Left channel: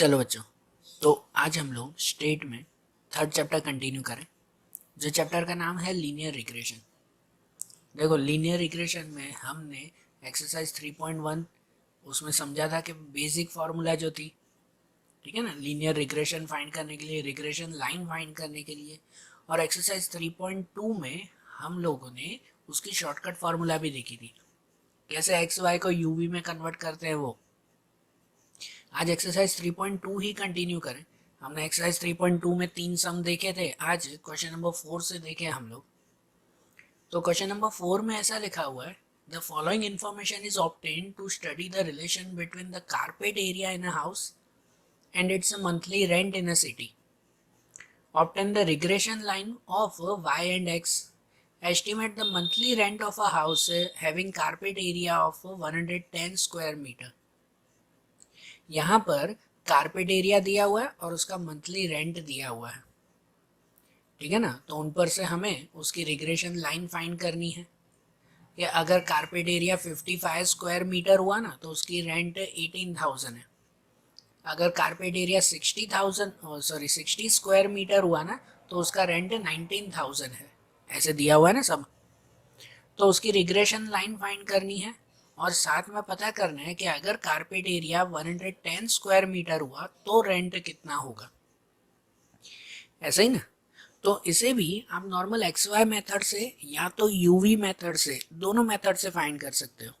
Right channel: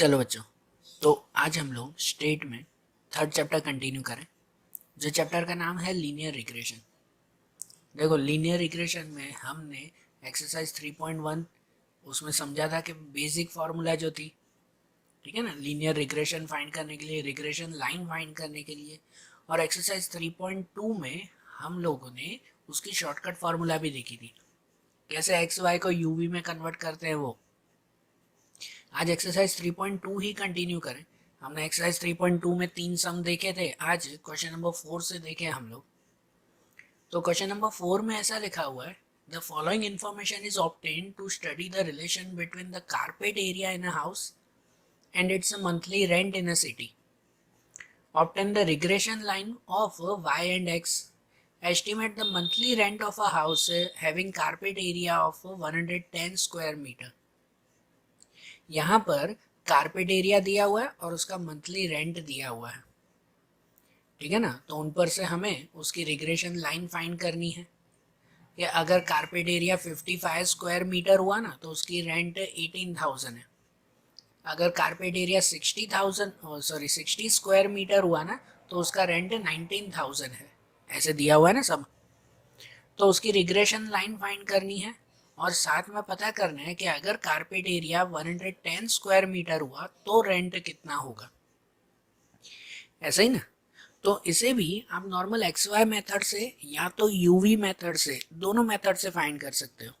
चलो बच्चों, तो आज हम लोग स्टेट में थर्ड चैप्टर कंटिन्यू करें। जो चैप्टर का नाम है लीनियर रिग्रेशन। देखो, लीनियर रिग्रेशन में हमने एक्सरसाइज 3.1 उसमें समझा था कि बेसिक फार्मूला जो थी, ठीक है ना, लीनियर रिग्रेशन फाइंड करने के लिए, रिग्रेशन लाइन फाइंड करने के लिए। और एक्सरसाइज 3.2 में हम लोगों ने उसकी शॉर्टकट फार्मूला भी देखी थी, कैसे एक्स वाई को यूवी में कन्वर्ट करते हैं वो। आज एक्सरसाइज 3.2 ही कंटिन्यू करें। हमने एक्सरसाइज 3.2 में 3 सम देखे थे, आज क्वेश्चन नंबर 4 से देखे हम लोग। तो क्वेश्चन नंबर 4 में ऐसा लिखा हुआ है, the following information is obtained to study the relation between the carpet area in a house and its monthly rent in a city. Obtain the regression line of y and x. Estimate the monthly rent of a house having carpet area of 110 square meter. यहाँ पर carpet area दिया हुआ है और उसका monthly rent दिया हुआ है, ठीक है ना। तो उन पर से हमें उसकी रिग्रेशन लाइन फाइंड करनी है कि अगर कारपेट एरिया 55 स्क्वायर मीटर हुआ ना तो उसकी रेंट 18,000 है। अगर कारपेट एरिया 60 स्क्वायर मीटर हुआ ना तो उसका रेंट 19,000 है। ऐसे दिया हुआ है ना सब। तो उसकी रिग्रेशन लाइन फाइंड करनी है और साथ में पता करना है कि अगर कारपेट एरिया 110 स्क्वायर मीटर हुआ तो रेंट कितना होगा, ऐसे ही ना। तो इसे भी आप नॉर्मल एक्स वाई मेथड से या तो यूवी मेथड से, दोनों मेथड से फाइंड कर सकते हो।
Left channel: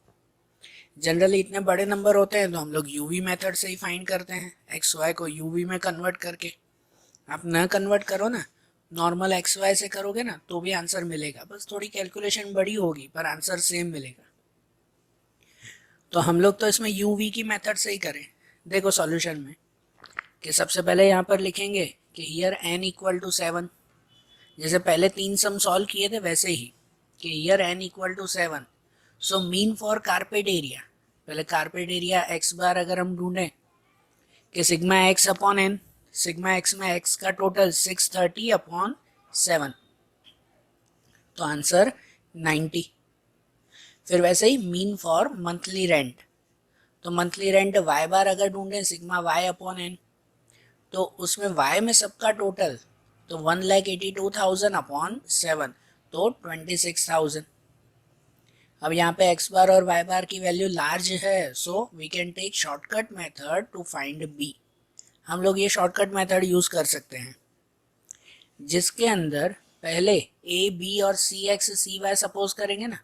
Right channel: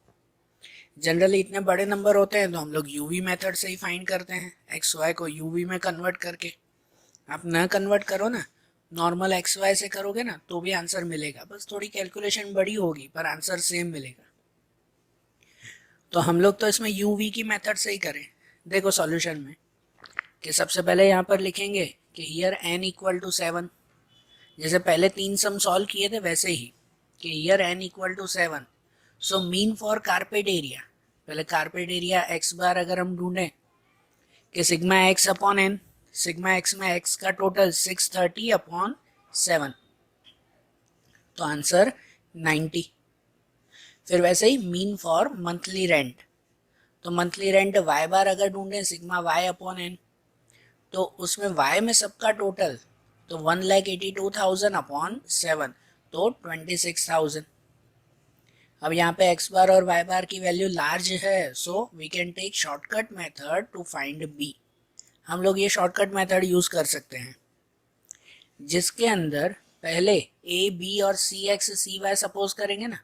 जनरली इतने बड़े नंबर होते हैं तो हम लोग यूवी मेथड से ही फाइंड करते हैं, एक्स वाई को यूवी में कन्वर्ट करके। आप ना कन्वर्ट करो ना, नॉर्मल एक्स वाई से करोगे ना तो भी आंसर मिलेगा, बस थोड़ी कैलकुलेशन बड़ी होगी पर आंसर सेम मिलेगा। तो हम लोग तो इसमें यूवी की मेथड से ही करें। देखो सॉल्यूशन में कि सबसे पहले यहाँ पर लिखेंगे कि हियर n इक्वल टू 7, जैसे पहले 3 सम सॉल्व किए थे वैसे ही कि here n equal to 7। So mean for carpet area, पहले कारपेट एरिया x बार अगर हम ढूंढें कि sigma x upon n, sigma x में x का टोटल 630 अपॉन 7, तो आंसर 90। फिर वैसे ही मीन फॉर मंथली रेंट, तो मंथली रेंट y बार अगर ढूंढें सिग्मा y अपॉन n, तो उसमें y में सबका टोटल तो 1,82,000 अपॉन 7, तो 26,000। अब यहाँ पे x बार और y बार की वैल्यू लार्ज है, so we can take shortcut method to find b। हम लोग ये शॉर्टकट मेथड यूज कर सकते हैं जिसके अंदर पहले a b और c x c y suppose करेंगे ना।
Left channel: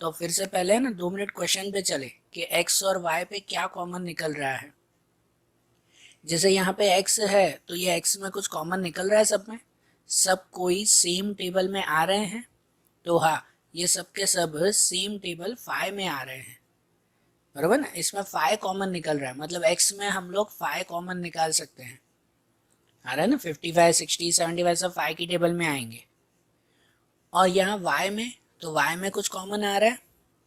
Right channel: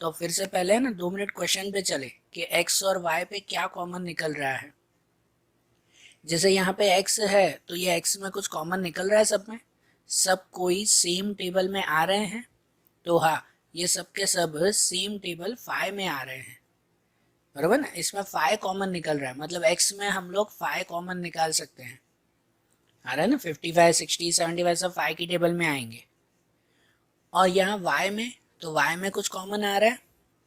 तो फिर से पहले ना 2 मिनट क्वेश्चन पे चले कि x और y पे क्या कॉमन निकल रहा है। जैसे यहाँ पे x है तो ये x में कुछ कॉमन निकल रहा है, सब में सब कोई सेम टेबल में आ रहे हैं, तो हाँ ये सब के सब सेम टेबल फाइव में आ रहे हैं, बराबर ना। इसमें फाइव कॉमन निकल रहा है, मतलब x में हम लोग फाइव कॉमन निकाल सकते हैं। आ रहा है ना, 55 60 75 सब फाइव की टेबल में आएंगे। और यहाँ y में, तो y में कुछ कॉमन आ रहा है,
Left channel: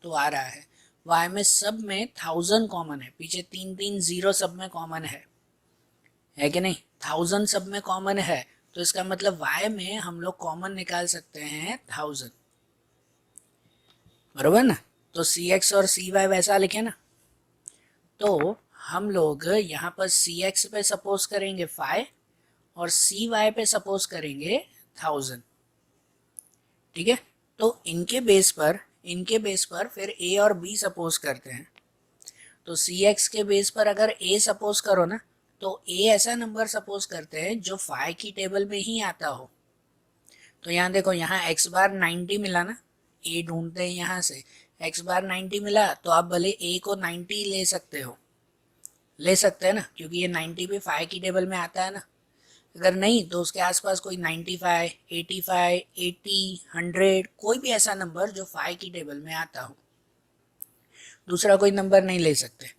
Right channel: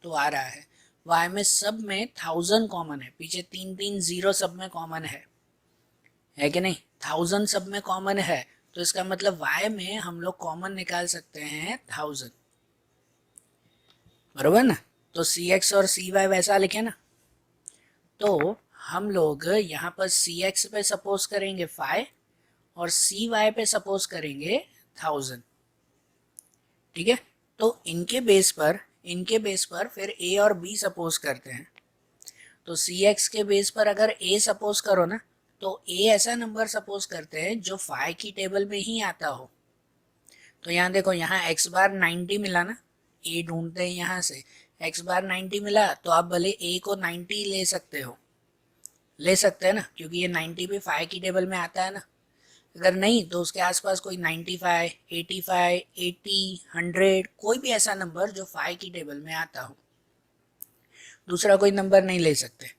तो आ रहा है y में सब में 1000 कॉमन है, पीछे 3 0 सब में कॉमन है कि नहीं। 1000 सब में कॉमन है तो इसका मतलब y में हम लोग कॉमन निकाल सकते हैं 1000, बरोबर ना। तो cx और cy वैसा लिखे ना, तो हम लोग यहाँ पर cx पे सपोज करेंगे 5 और cy पे सपोज करेंगे 1000, ठीक है। तो इनके बेस पर फिर a और b सपोज करते हैं। तो cx के बेस पर अगर a सपोज करो ना तो a ऐसा नंबर सपोज करते हैं जो 5 की टेबल में ही आता हो। तो यहाँ देखो, यहाँ x बार 90 मिला ना, a ढूंढते हैं यहाँ से, x बार 90 मिला तो आप भले a को 90 ले सकते हो, ले सकते हैं ना, क्योंकि ये 90 भी 5 की टेबल में आता है ना। अगर नहीं तो उसके आसपास कोई 95 85 80 100 कोई भी ऐसा नंबर जो 5 की टेबल में आता हो, दूसरा कोई नंबर नहीं ले सकते।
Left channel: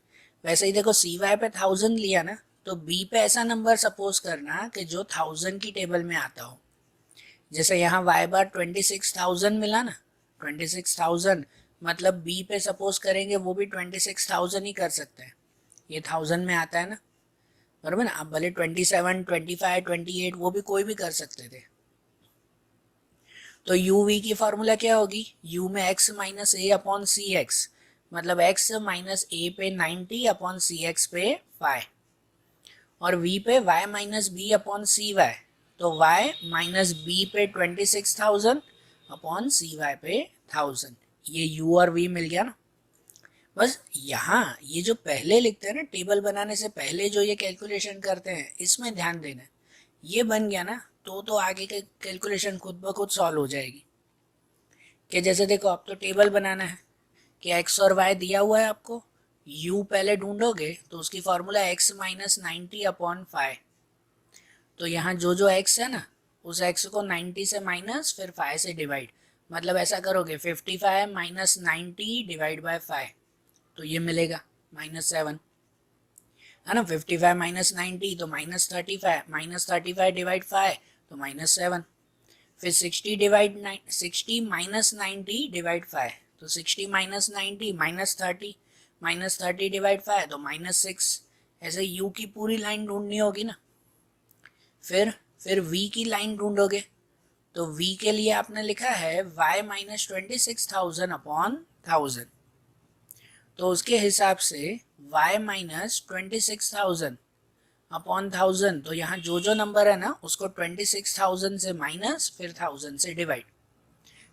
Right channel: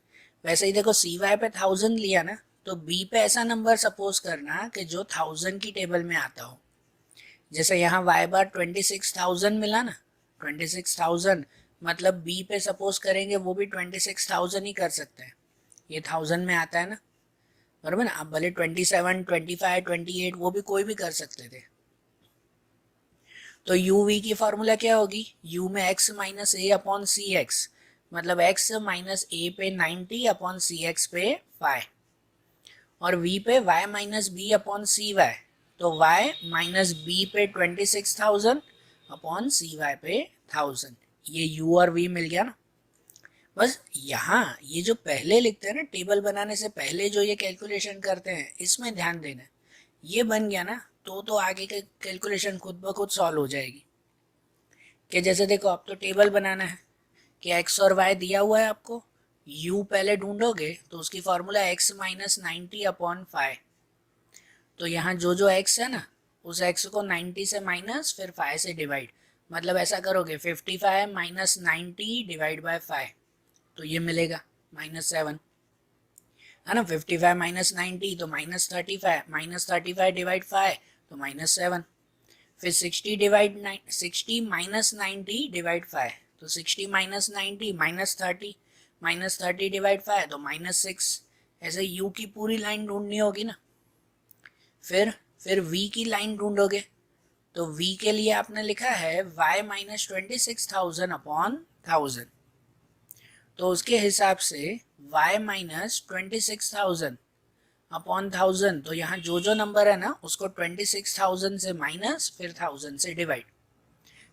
वैसे ही देखो cy पे 1000 लिया ना, तो b पे ऐसा नंबर सपोज करना कि जो 1000 की टेबल में आता हो। जैसे यहाँ y बार 26,000 मिला ना, 26,000 मतलब b पे सपोज करेंगे वो भी 26,000 ही कर सकते हैं, ये 1000 में आता है ना, बराबर ना। आप भले 27 25 28 वो भी कोई भी कर सकते थे। तो uv की फॉर्मूला क्या होगी, u में x minus a upon C X, मतलब x माइनस a पे 90 अपॉन सी एक्स पे 5। और v पे y minus B upon C Y, तो y माइनस बी पे 26,000 अपॉन सी वाई पे 1000, ये u और v मिल गया ना। बस यहाँ ये जो पहले लिखते हैं ना, टेबल बनाने से पहले जो ये कैलकुलेशन करते हैं, इसमें ध्यान देना। ये बन गया ना, तो आगे के कैलकुलेशन खुद ब खुद सॉल्व हो जाएगी। कि जैसे देखो, अब तो टेबल बनाना है कि x और y दिया हुआ है आपको, u पहले ढूंढोगे तो उसकी फॉर्मूला x माइनस 90 अपॉन 5। तो यहाँ जो जो x है ना, उस x को 90 से माइनस फिर 5 से डिवाइड, मतलब ऐसा करोगे 55 माइनस 90 डिवाइड बाय 5, तो ये मिलेगा -7, है ना। 55 माइनस 90 तो -35 डिवाइड 5 तो -7, फिर 60 डिवाइड 60 माइनस 90 डिवाइड 5, तो 60 माइनस 90 -30 डिवाइड 5 तो -6। ऐसे u की पूरी लाइन ढूंढनी होगी ना। फिर v की लाइन ढूंढोगे, तो v के लिए आपने लिखा है y माइनस 26,000 अपॉन 1000, तो उसके हिसाब से y माइनस 26,000 अपॉन 1000, तो यहाँ जो जो नंबर है ना, उसको 26,000 से माइनस फिर 1000 से डिवाइड,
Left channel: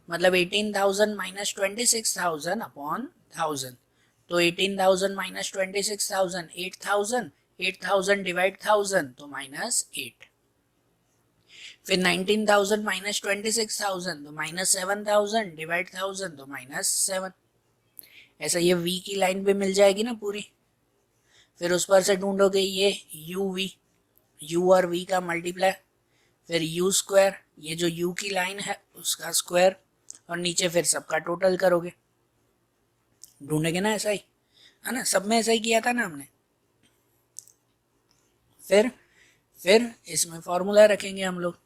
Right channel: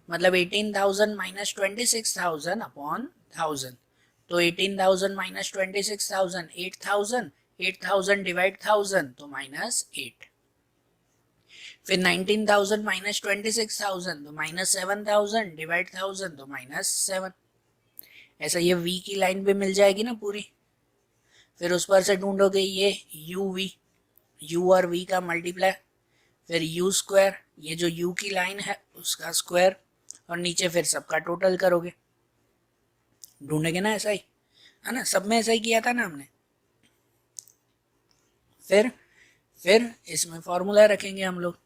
मतलब 18,000 माइनस 26,000 अपॉन 1000, तो 18,000 माइनस 26,000 8,000 डिवाइड 1000 तो -8, फिर 19,000 माइनस 26,000 तो -7,000 डिवाइड 1000 तो -7। ऐसा ये v की लाइन भी मिल जाएगी ना पूरी। फिर उस पर से ढूंढोगे ये u और v का मल्टीप्लाई, फिर u स्क्वायर, ये जो u की लाइन है उसका स्क्वायर, और नीचे फिर सबका टोटल करोगे। ढूंढेंगे ना, ऐसा ही है ना, सब में ऐसा ही किया था ना हमने। फिर इसमें फॉर्मूला रखेंगे हम लोग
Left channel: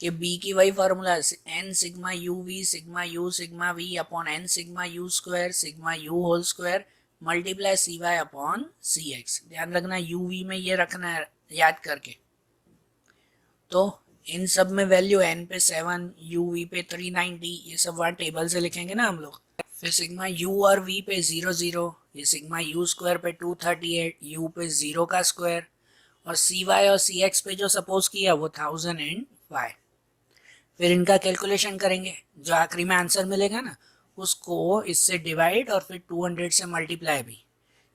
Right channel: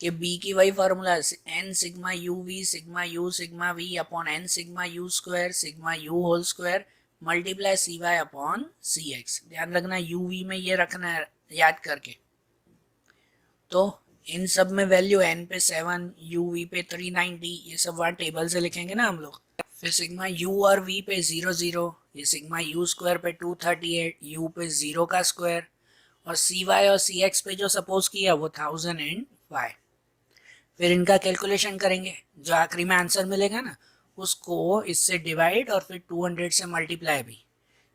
कि b की वही formula n sigma u sigma v upon n sigma u square sigma u whole square multiply C Y upon C X. ध्यान रखना u v में ये रखना है याद करके। तो इन सब में वैल्यू n पे 7, u v पे 390, ये सब वहाँ टेबल से लिखेंगे ना हम लोग। फिर सिग्मा u और v पे 0, ये सिग्मा u स्क्वायर पे 238, u पे 0 का स्क्वायर, और सी वाई और सी एक्स पे जो सपोज किया वो 1005। फिर इनका कैलकुलेशन करेंगे, जो आखिरी में आंसर मिलेगा ना, उसको इससे डिवाइड और फिर 200 से मल्टीप्लाई भी,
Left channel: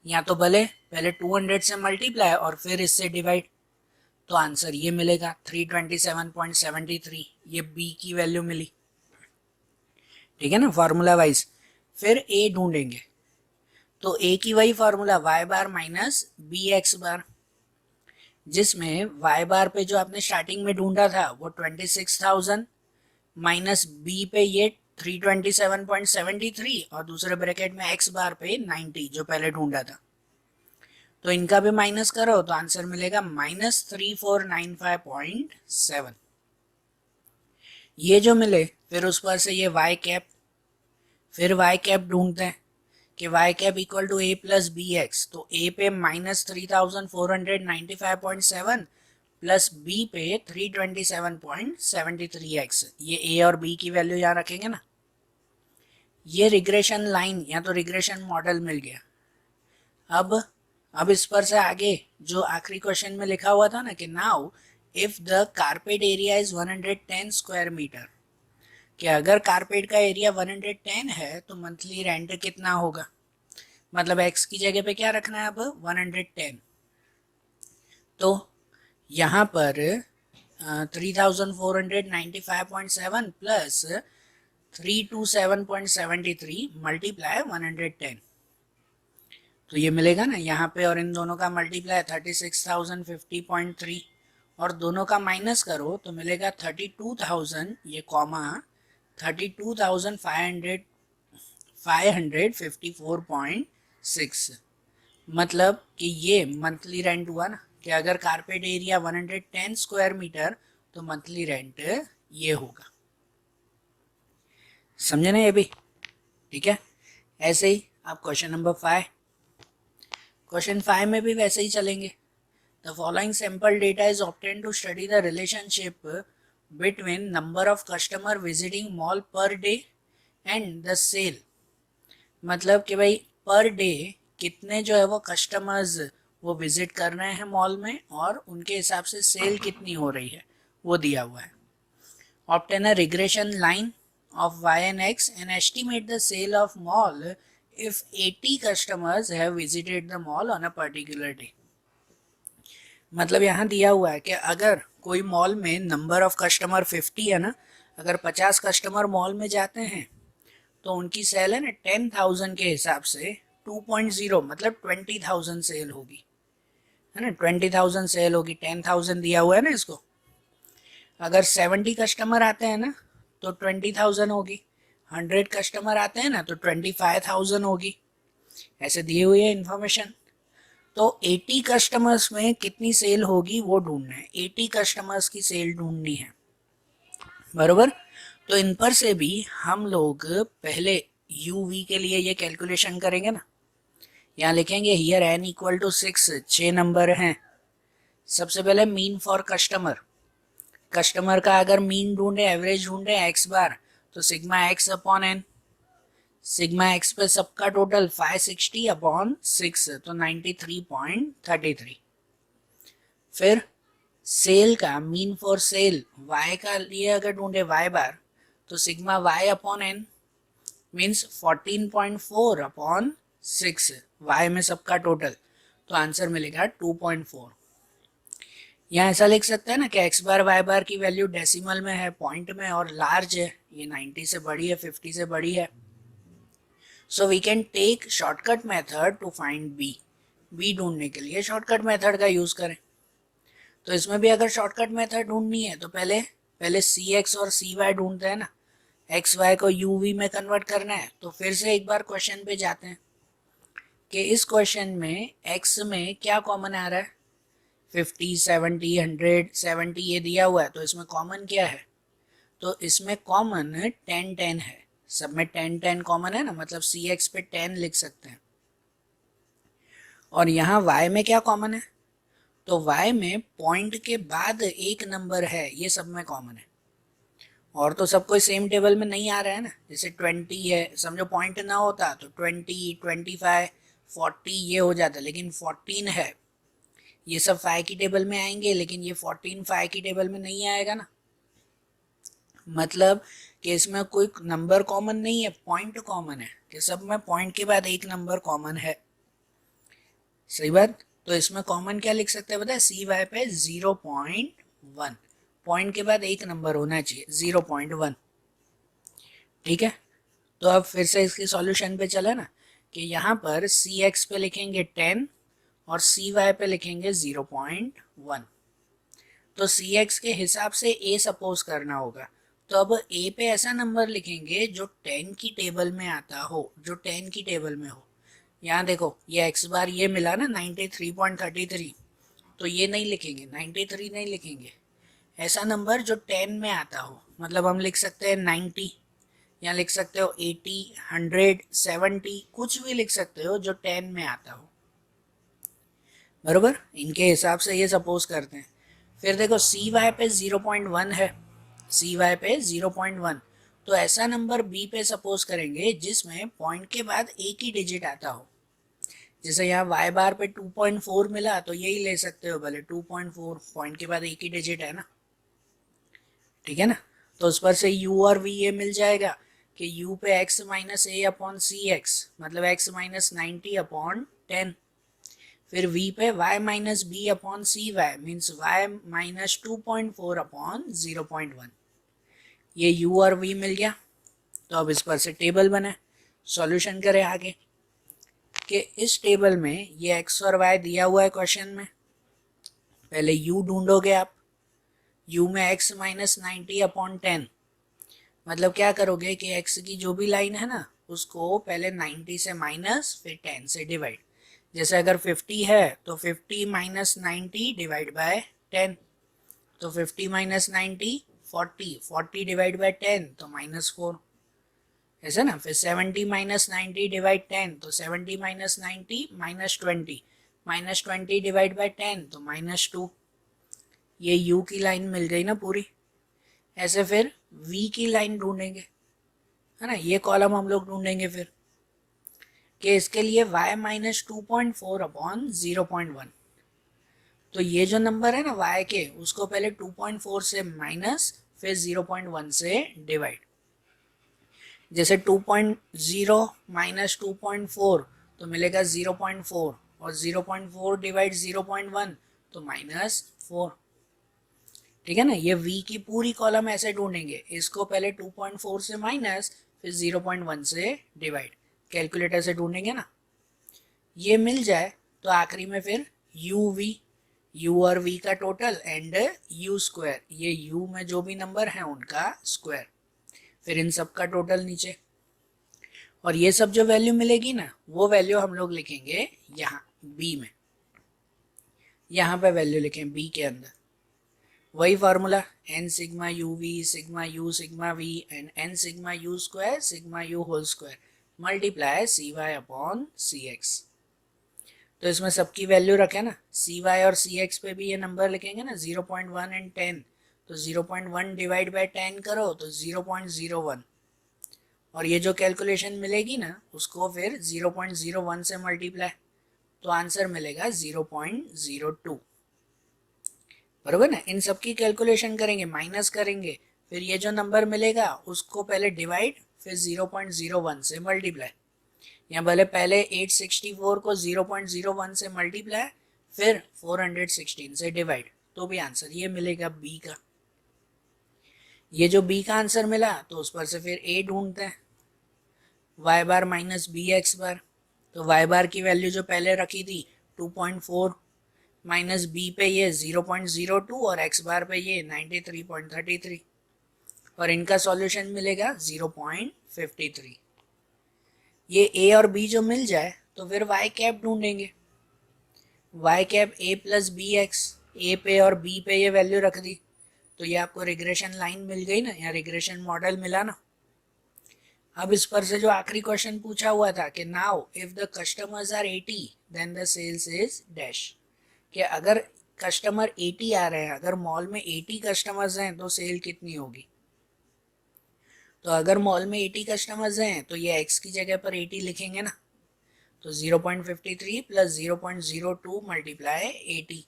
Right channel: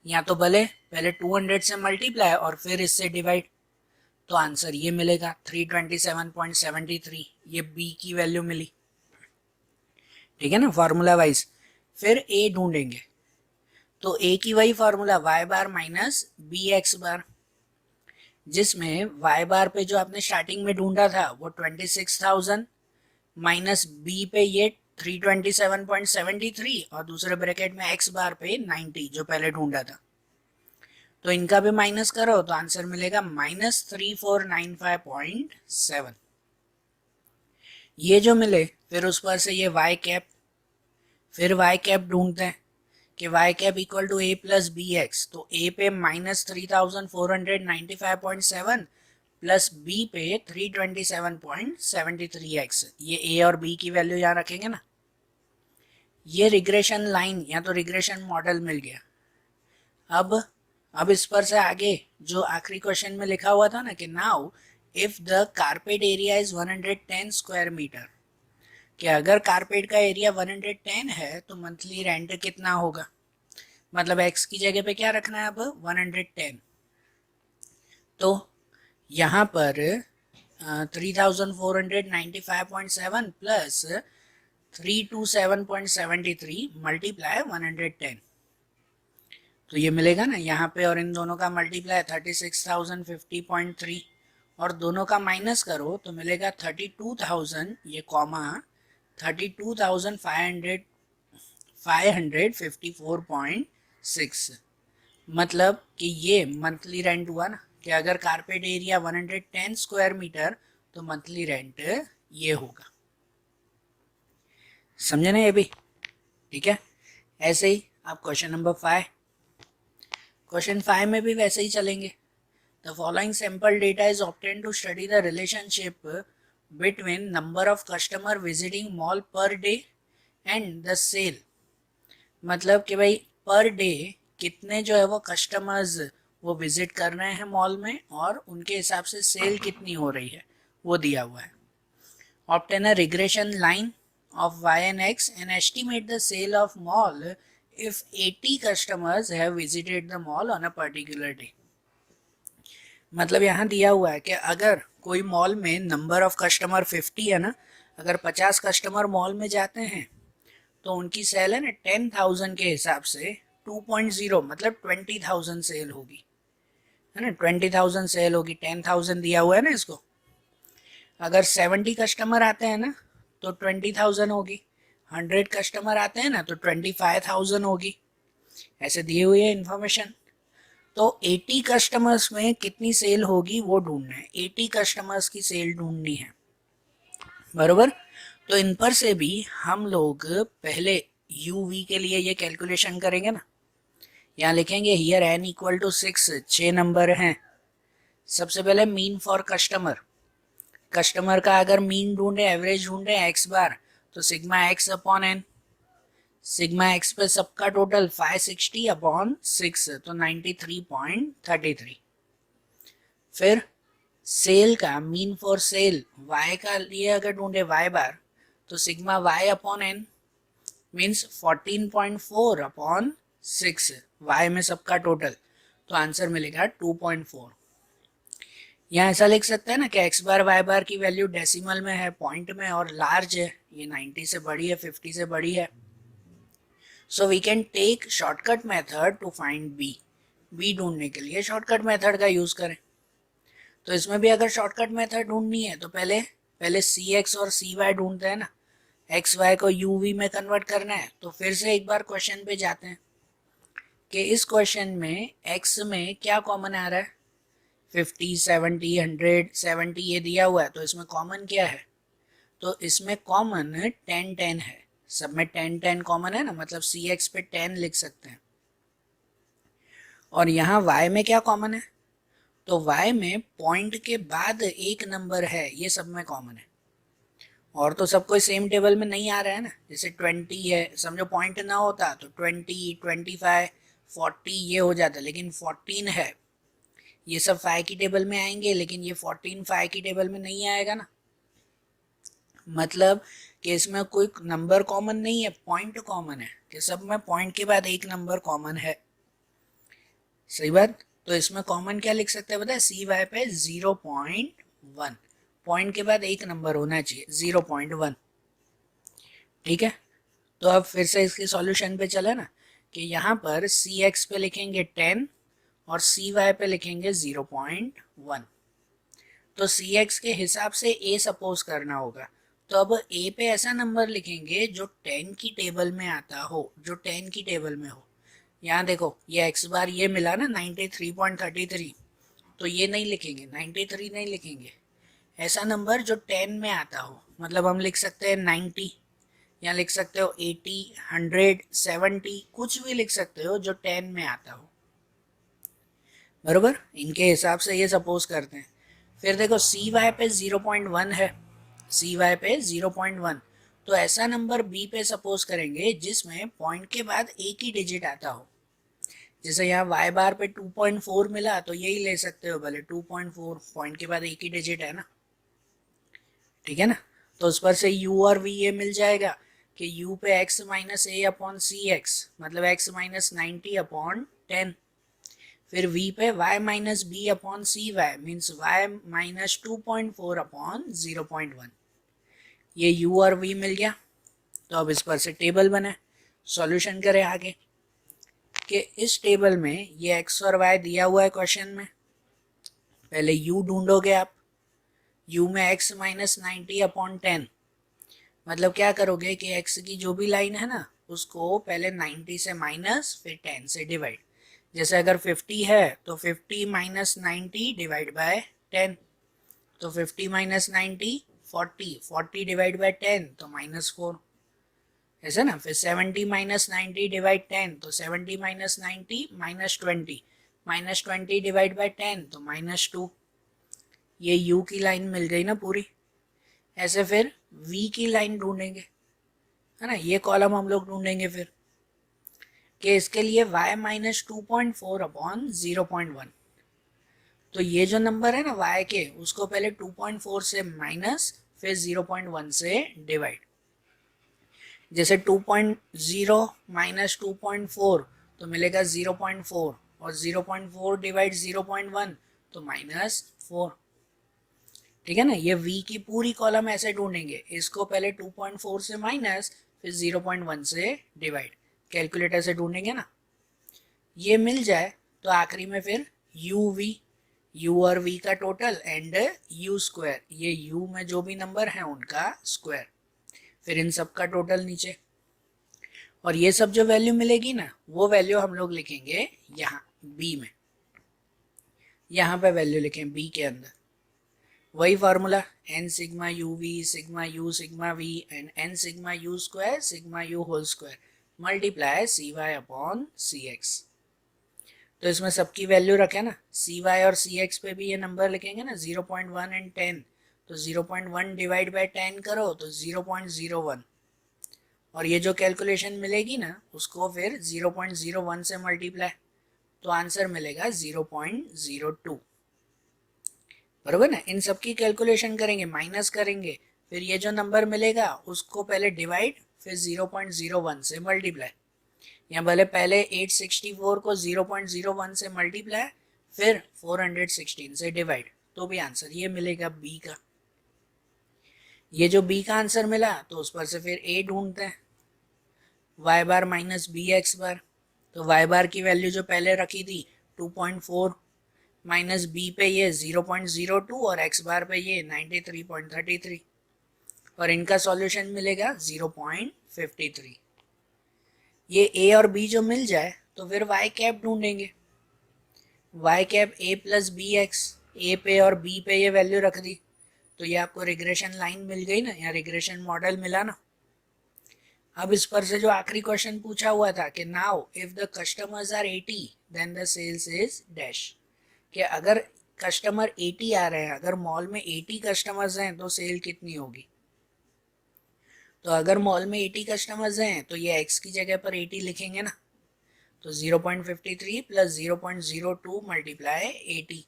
या तो भले पहले 200 से मल्टीप्लाई और फिर इससे डिवाइड, तो आंसर ये मिलेगा 327.73, ये बी की वैल्यू मिली। ठीक है ना, फार्मूला वाइज। फिर ए ढूंढेंगे, तो ए की वही फार्मूला y बार माइनस बी एक्स बार, जिसमें y बार पे जो आपने स्टार्टिंग में ढूंढा था वो 26,000 माइनस बी पे ये 327.73, और दूसरे ब्रैकेट में x बार पे 90 जो पहले ढूंढा था, तो इनका भी माइनस करो तो आंसर मिलेगा -3495.7। ये जो मिले फिर उस पर से ये y कैप, फिर y कैप ढूंढते हैं कि y cap equal to a plus B X, तो a पे -3495.7 प्लस b पे 327.73x, ये a और b की वैल्यू यहाँ रखेंगे ना। ये रिग्रेशन लाइन या तो रिग्रेशन मॉडल मिल गया। अब इस पर से आगे जो आखिरी क्वेश्चन में लिखा हुआ था ना कि now if the carpet area is 110 square metre, कि अगर कारपेट का एरिया 110 है तो मंथली रेंट कितना होगा। मतलब x की जगह पे क्या रखना है अब 110, तो यहाँ पर 3495.7 प्लस 327.73 मल्टीप्लाई 110, तो ये मिलेगा ना यहाँ पे, और इन दोनों का मल्टीप्लाई 36,050.3, और दोनों का माइनस करो तो मिलेगा 32,000, ये कॉमा 32,554.6। मतलब कि ये मंथली रेंट हुआ ना, कि अगर कारपेट एरिया 110 स्क्वायर मीटर तो मंथली रेंट ये होगा। समझे ना ये भी? ठीक है। ऐसे ही आप क्वेश्चन नंबर 5, क्वेश्चन 5 में भी वैसे ही चलेंगे। The following sample data is obtain to study the relationship between number of customer visiting mall per day and the sale. मतलब कि भाई पर डे कितने जो है वो कस्टमर्स वो विजिट कर रहे हैं मॉल में और उनके हिसाब से सेल कितनी हो रही है वो दिया हुआ है. Obtain a regression line of y and x and estimate the sale of mall if 80 customers have visited the mall on a particular day. मतलब यहाँ दिया हुआ है कि अगर कोई मॉल में नंबर ऑफ कस्टमर 50 है ना, अगर 50 कस्टमर मॉल में जाते हैं तो उनकी सेल है ना 10,000 के हिसाब से 2.0 मतलब 20,000 सेल होगी, है ना. 20,000 सेल होगी, 10,000 दिया हुआ है ना इसको. अगर 70 कस्टमर आते हैं ना तो 20,000 होगी. 100 कस्टमर आते हैं ना तो 25,000 होगी. ऐसे दी हुई है इन्फॉर्मेशन. तो 80 कस्टमर्स में कितनी सेल होगी वो ढूंढना है. 80 कस्टमर्स की सेल ढूंढनी है, बरोबर. तो इन पर से भी हम लोग पहले यू वी के लिए ये कैलकुलेशन करेंगे ना. यहाँ लिखेंगे here n equal to 6, 6 number हैं. सबसे पहले मीन फॉर कस्टमर. कस्टमर का अगर मीन ढूंढे, एवरेज ढूंढे x बार, तो sigma x upon n. Sigma x पे सबका टोटल 560 अपॉन 6 तो 93.33. फिर सेल का मीन फॉर सेल y का लिए अगर ढूंढे y बार, तो sigma y upon n means 14.4 upon 6, y में सबका टोटल, तो आंसर मिलेगा 2.4. यहाँ ऐसा लिख सकते हैं ना कि x बार y बार की वैल्यू डेसिमल में है, पॉइंट में, और लार्ज है, ये 90 से बड़ी है, 50 से बड़ी है. So we can take shortcut method to find B ढूंढने के लिए शॉर्टकट मेथड का यूज करें. तो इसमें भी अगर शॉर्टकट मेथड ढूंढनी है तो पहले सी एक्स और सी वाई ढूंढते हैं ना. एक्स वाई को यू वी में कन्वर्ट करना है. तो फिर से एक बार क्वेश्चन पे जाते हैं कि इस क्वेश्चन में एक्स में क्या कॉमन आ रहा है. 50, 70, 100, 70 ये दिया हुआ है, तो इसमें कॉमन क्या है. तो इसमें कॉमन 10, 10 है. सब में 10, 10 कॉमन है ना, मतलब सी एक्स पे 10 लिख सकते हैं. और यहाँ y में क्या कॉमन है, तो y में पॉइंट के बाद एक नंबर है, ये सब में कॉमन है. और तो सब कोई सेम टेबल में नहीं आ रहा है ना. जैसे 20 है, समझो पॉइंट ना होता तो 20, 25, 40 ये हो जाता, लेकिन 14 है, ये सब 5 की टेबल में आएंगे, लेकिन ये 14 5 की टेबल में नहीं आएगा ना. मतलब कि इसमें कोई नंबर कॉमन नहीं है, पॉइंट कॉमन है, कि सब में पॉइंट के बाद एक नंबर कॉमन है. सही बात. तो इसमें कॉमन क्या लिख सकते हैं पता है, सी वाई पे 0.1, पॉइंट के बाद एक नंबर होना चाहिए, 0.1. ठीक है. तो अब फिर से इसके सॉल्यूशन पे चले ना, कि यहाँ पर सी एक्स पे लिखेंगे 10 और सी वाई पे लिखेंगे 0.1. तो सी एक्स के हिसाब से ए सपोज करना होगा. तो अब ए पे ऐसा नंबर लिखेंगे जो 10 की टेबल में आता हो, जो 10 की टेबल में हो. यहाँ देखो ये एक्स बार ये मिला ना 93.33, तो ये नहीं लिखेंगे, 93 नहीं लिखेंगे. ऐसा नंबर जो 10 में आता हो, मतलब हम लिख सकते हैं 90, या लिख सकते हो 80, 100, 70, कुछ भी लिख सकते हो जो 10 में आता हो, बरोबर. इनके हिसाब से ये सपोज करते हैं. फिर देखो सी वाई पे 0.1 है, सी वाई पे 0.1, तो ऐसा नंबर बी पे सपोज करेंगे जिसमें पॉइंट के बाद एक ही डिजिट आता हो. जैसे यहाँ वाई बार पे 2.4 मिला, तो यही ले सकते हो भले 2.4, पॉइंट के बाद एक ही डिजिट है ना. ठीक है ना. तो उस पर से u और v ये मिल जाएगा कि u पे x minus A upon C X, मतलब x माइनस 90 अपॉन 10. फिर v पे y minus B upon C Y means y minus 2.4 upon 0.1. ये u और v मिल गया. तो अब इस पर से टेबल बना, सॉल्यूशन करें आगे कि इस टेबल में ये x और y दिया हुआ है क्वेश्चन में. पहले u ढूंढोगे आप. u में x माइनस 90 अपॉन 10, मतलब क्या करोगे कि x की जो भी लाइन है ना उसको पहले 90 से माइनस फिर 10 से डिवाइड. जैसे अगर 50 है तो 50 माइनस 90 डिवाइड बाय 10, तो 50 माइनस 90 40, 40 डिवाइड बाय 10 तो -4, ऐसा ना. फिर 70 माइनस 90 डिवाइड 10, तो 70 माइनस 90 -20, -20 डिवाइड बाय 10 तो -2. ये u की लाइन मिल गई ना पूरी. ऐसे फिर v की लाइन ढूंढेंगे, है ना. ये कॉलम हम लोग ढूंढेंगे फिर कि इसके लिए y माइनस 2.4 अपॉन 0.1, तो ये जो नंबर है ना y के, उसको पहले 2.4 से माइनस फिर 0.1 से डिवाइड। जैसे 2.0 माइनस 2.4 तो मिलेगा 0.4, और 0.4 डिवाइड 0.1 तो -4। ठीक है ना, ये v की पूरी कॉलम ऐसे ढूंढेंगे, इसको पहले 2.4 से माइनस फिर 0.1 से डिवाइड, कैलकुलेटर से ढूंढेंगे ना। ये मिल जाए तो आखिरी में फिर u और v का टोटल एंड u स्क्वायर, ये u में जो भी नंबर है उनका स्क्वायर, फिर इन सब का टोटल नीचे। और ये सब जो वैल्यू मिलेगी ना, वो वैल्यू हम लोग लिखेंगे यहाँ b में, यहाँ पे वैल्यू लिखें b के अंदर। वही formula n sigma u v sigma u sigma v and n sigma u square sigma u whole square multiply C Y upon C X. तो इसमें सबकी वैल्यू रखे ना, सी वाई और सी एक्स पे भी ये नंबर लिखेंगे ना, 0.1 एंड 10, तो 0.1 डिवाइड बाई 10 करो तो 0.01, और ये जो कैलकुलेशन मिलेगी ना उसको फिर 0.01 से मल्टीप्लाई, तो आंसर मिलेगा 0.02, बराबर ना। इन सब की कैलकुलेशन करेंगे, माइनस करेंगे, फिर ये जो नंबर मिलेगा उसको पहले डिवाइड फिर 0.01 से मल्टीप्लाई, या भले पहले 864 को 0.01 से मल्टीप्लाई फिर 416 से डिवाइड, तो भी आंसर ये मिलेगा बी का। ये जो बी का आंसर मिला तो उस पर से फिर ए ढूंढते हैं, Y bar minus B X bar. तो वाई बार की वैल्यू जो पहले रखी थी 2.4 माइनस बी पे ये 0.02 और एक्स बार पे ये 93.33, और इनका सॉल्यूशन मिलेगा 0.53। ये ए और बी जो मिल जाए तो फिर वाई कैप ढूंढेंगे, Y cap A plus B X, A पे और बी पे ये वैल्यू रख दी, तो ये आपको रिग्रेशन लाइन मिल गई ना, या रिग्रेशन मॉडल मिला ना। अब इस पर से जो आखिरी क्वेश्चन पूछा हुआ था कि now if the customers are 80 then the sales is dash, कि अगर कस्टमर 80 आ रहे हैं, अगर मॉल में 80 कस्टमर्स हैं तो सेल कितनी होगी। तो अगर मॉल में 80 कस्टमर्स हैं तो ये x की जगह पर 80 लिखेंगे ना, तो 0.53 प्लस 0.02 मल्टीप्लाई 80,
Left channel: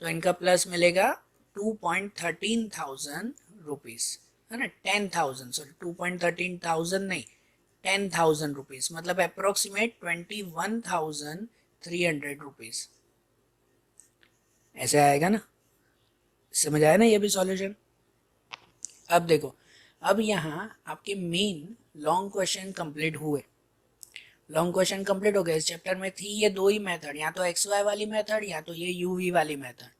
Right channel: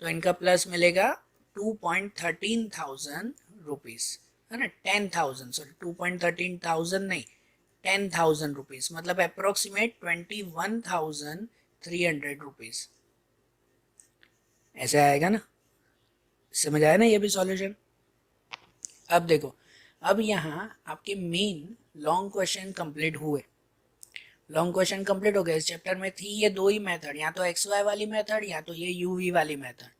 तो इनका प्लस मिलेगा 2.13,000 रुपीज़, है ना, 10,000, सॉरी 2.13,000 नहीं 10,000 रुपीज़, मतलब अप्रोक्सीमेट 21,300 रुपीज़, ऐसे आएगा ना। समझ आया ना ये भी सॉल्यूशन। अब देखो, अब यहाँ आपके मेन लॉन्ग क्वेश्चन कंप्लीट हुए, लॉन्ग क्वेश्चन कंप्लीट हो गए। इस चैप्टर में थी ये दो ही मेथड, या तो एक्स वाई वाली मेथड या तो ये यू वी वाली मेथड।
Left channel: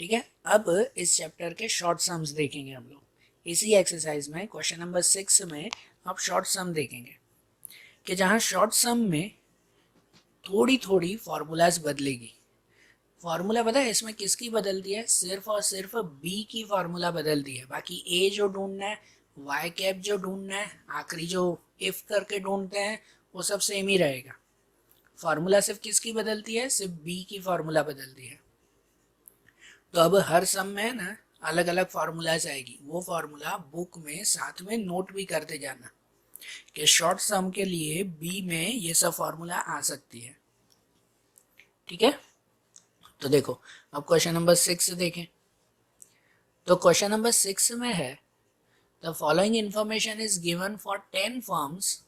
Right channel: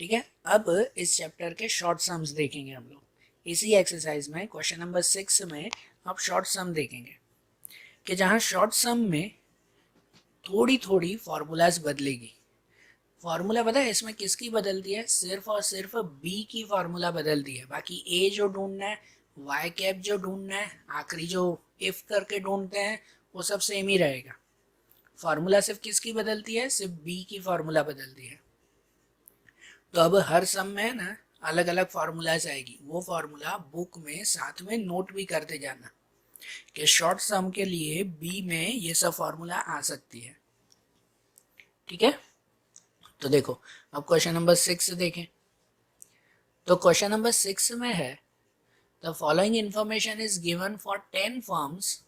ठीक है, अब इस चैप्टर के शॉर्ट सम्स देखेंगे हम लोग। इसी एक्सरसाइज में क्वेश्चन नंबर 6 में आप शॉर्ट सम देखेंगे, कि जहाँ शॉर्ट सम में थोड़ी थोड़ी फॉर्मूलाज बदलेगी। फार्मूला पता है इसमें किसकी बदलती है, सिर्फ और सिर्फ बी की फार्मूला बदलती है, बाकी ए जो ढूंढना है, वाई कैप जो ढूंढना है, आखिरी जो इफ करके ढूंढते हैं वो सब सेम ही रहेगा। फार्मूला सिर्फ किसकी बदलती है, सिर्फ बी की फार्मूला बदलती है। तो अब हर सम में ना अलग अलग फार्मूलाज आएगी, वो फार्मूला बुक में साथ में नोट भी करते जाना कि शॉर्ट सम के लिए बी में ये सब फार्मूला आ सकती है। ठीक है, तो देखो अब क्वेश्चन नंबर 6 देखें। तो क्वेश्चन नंबर 6 में है, the following information is given for 10 firms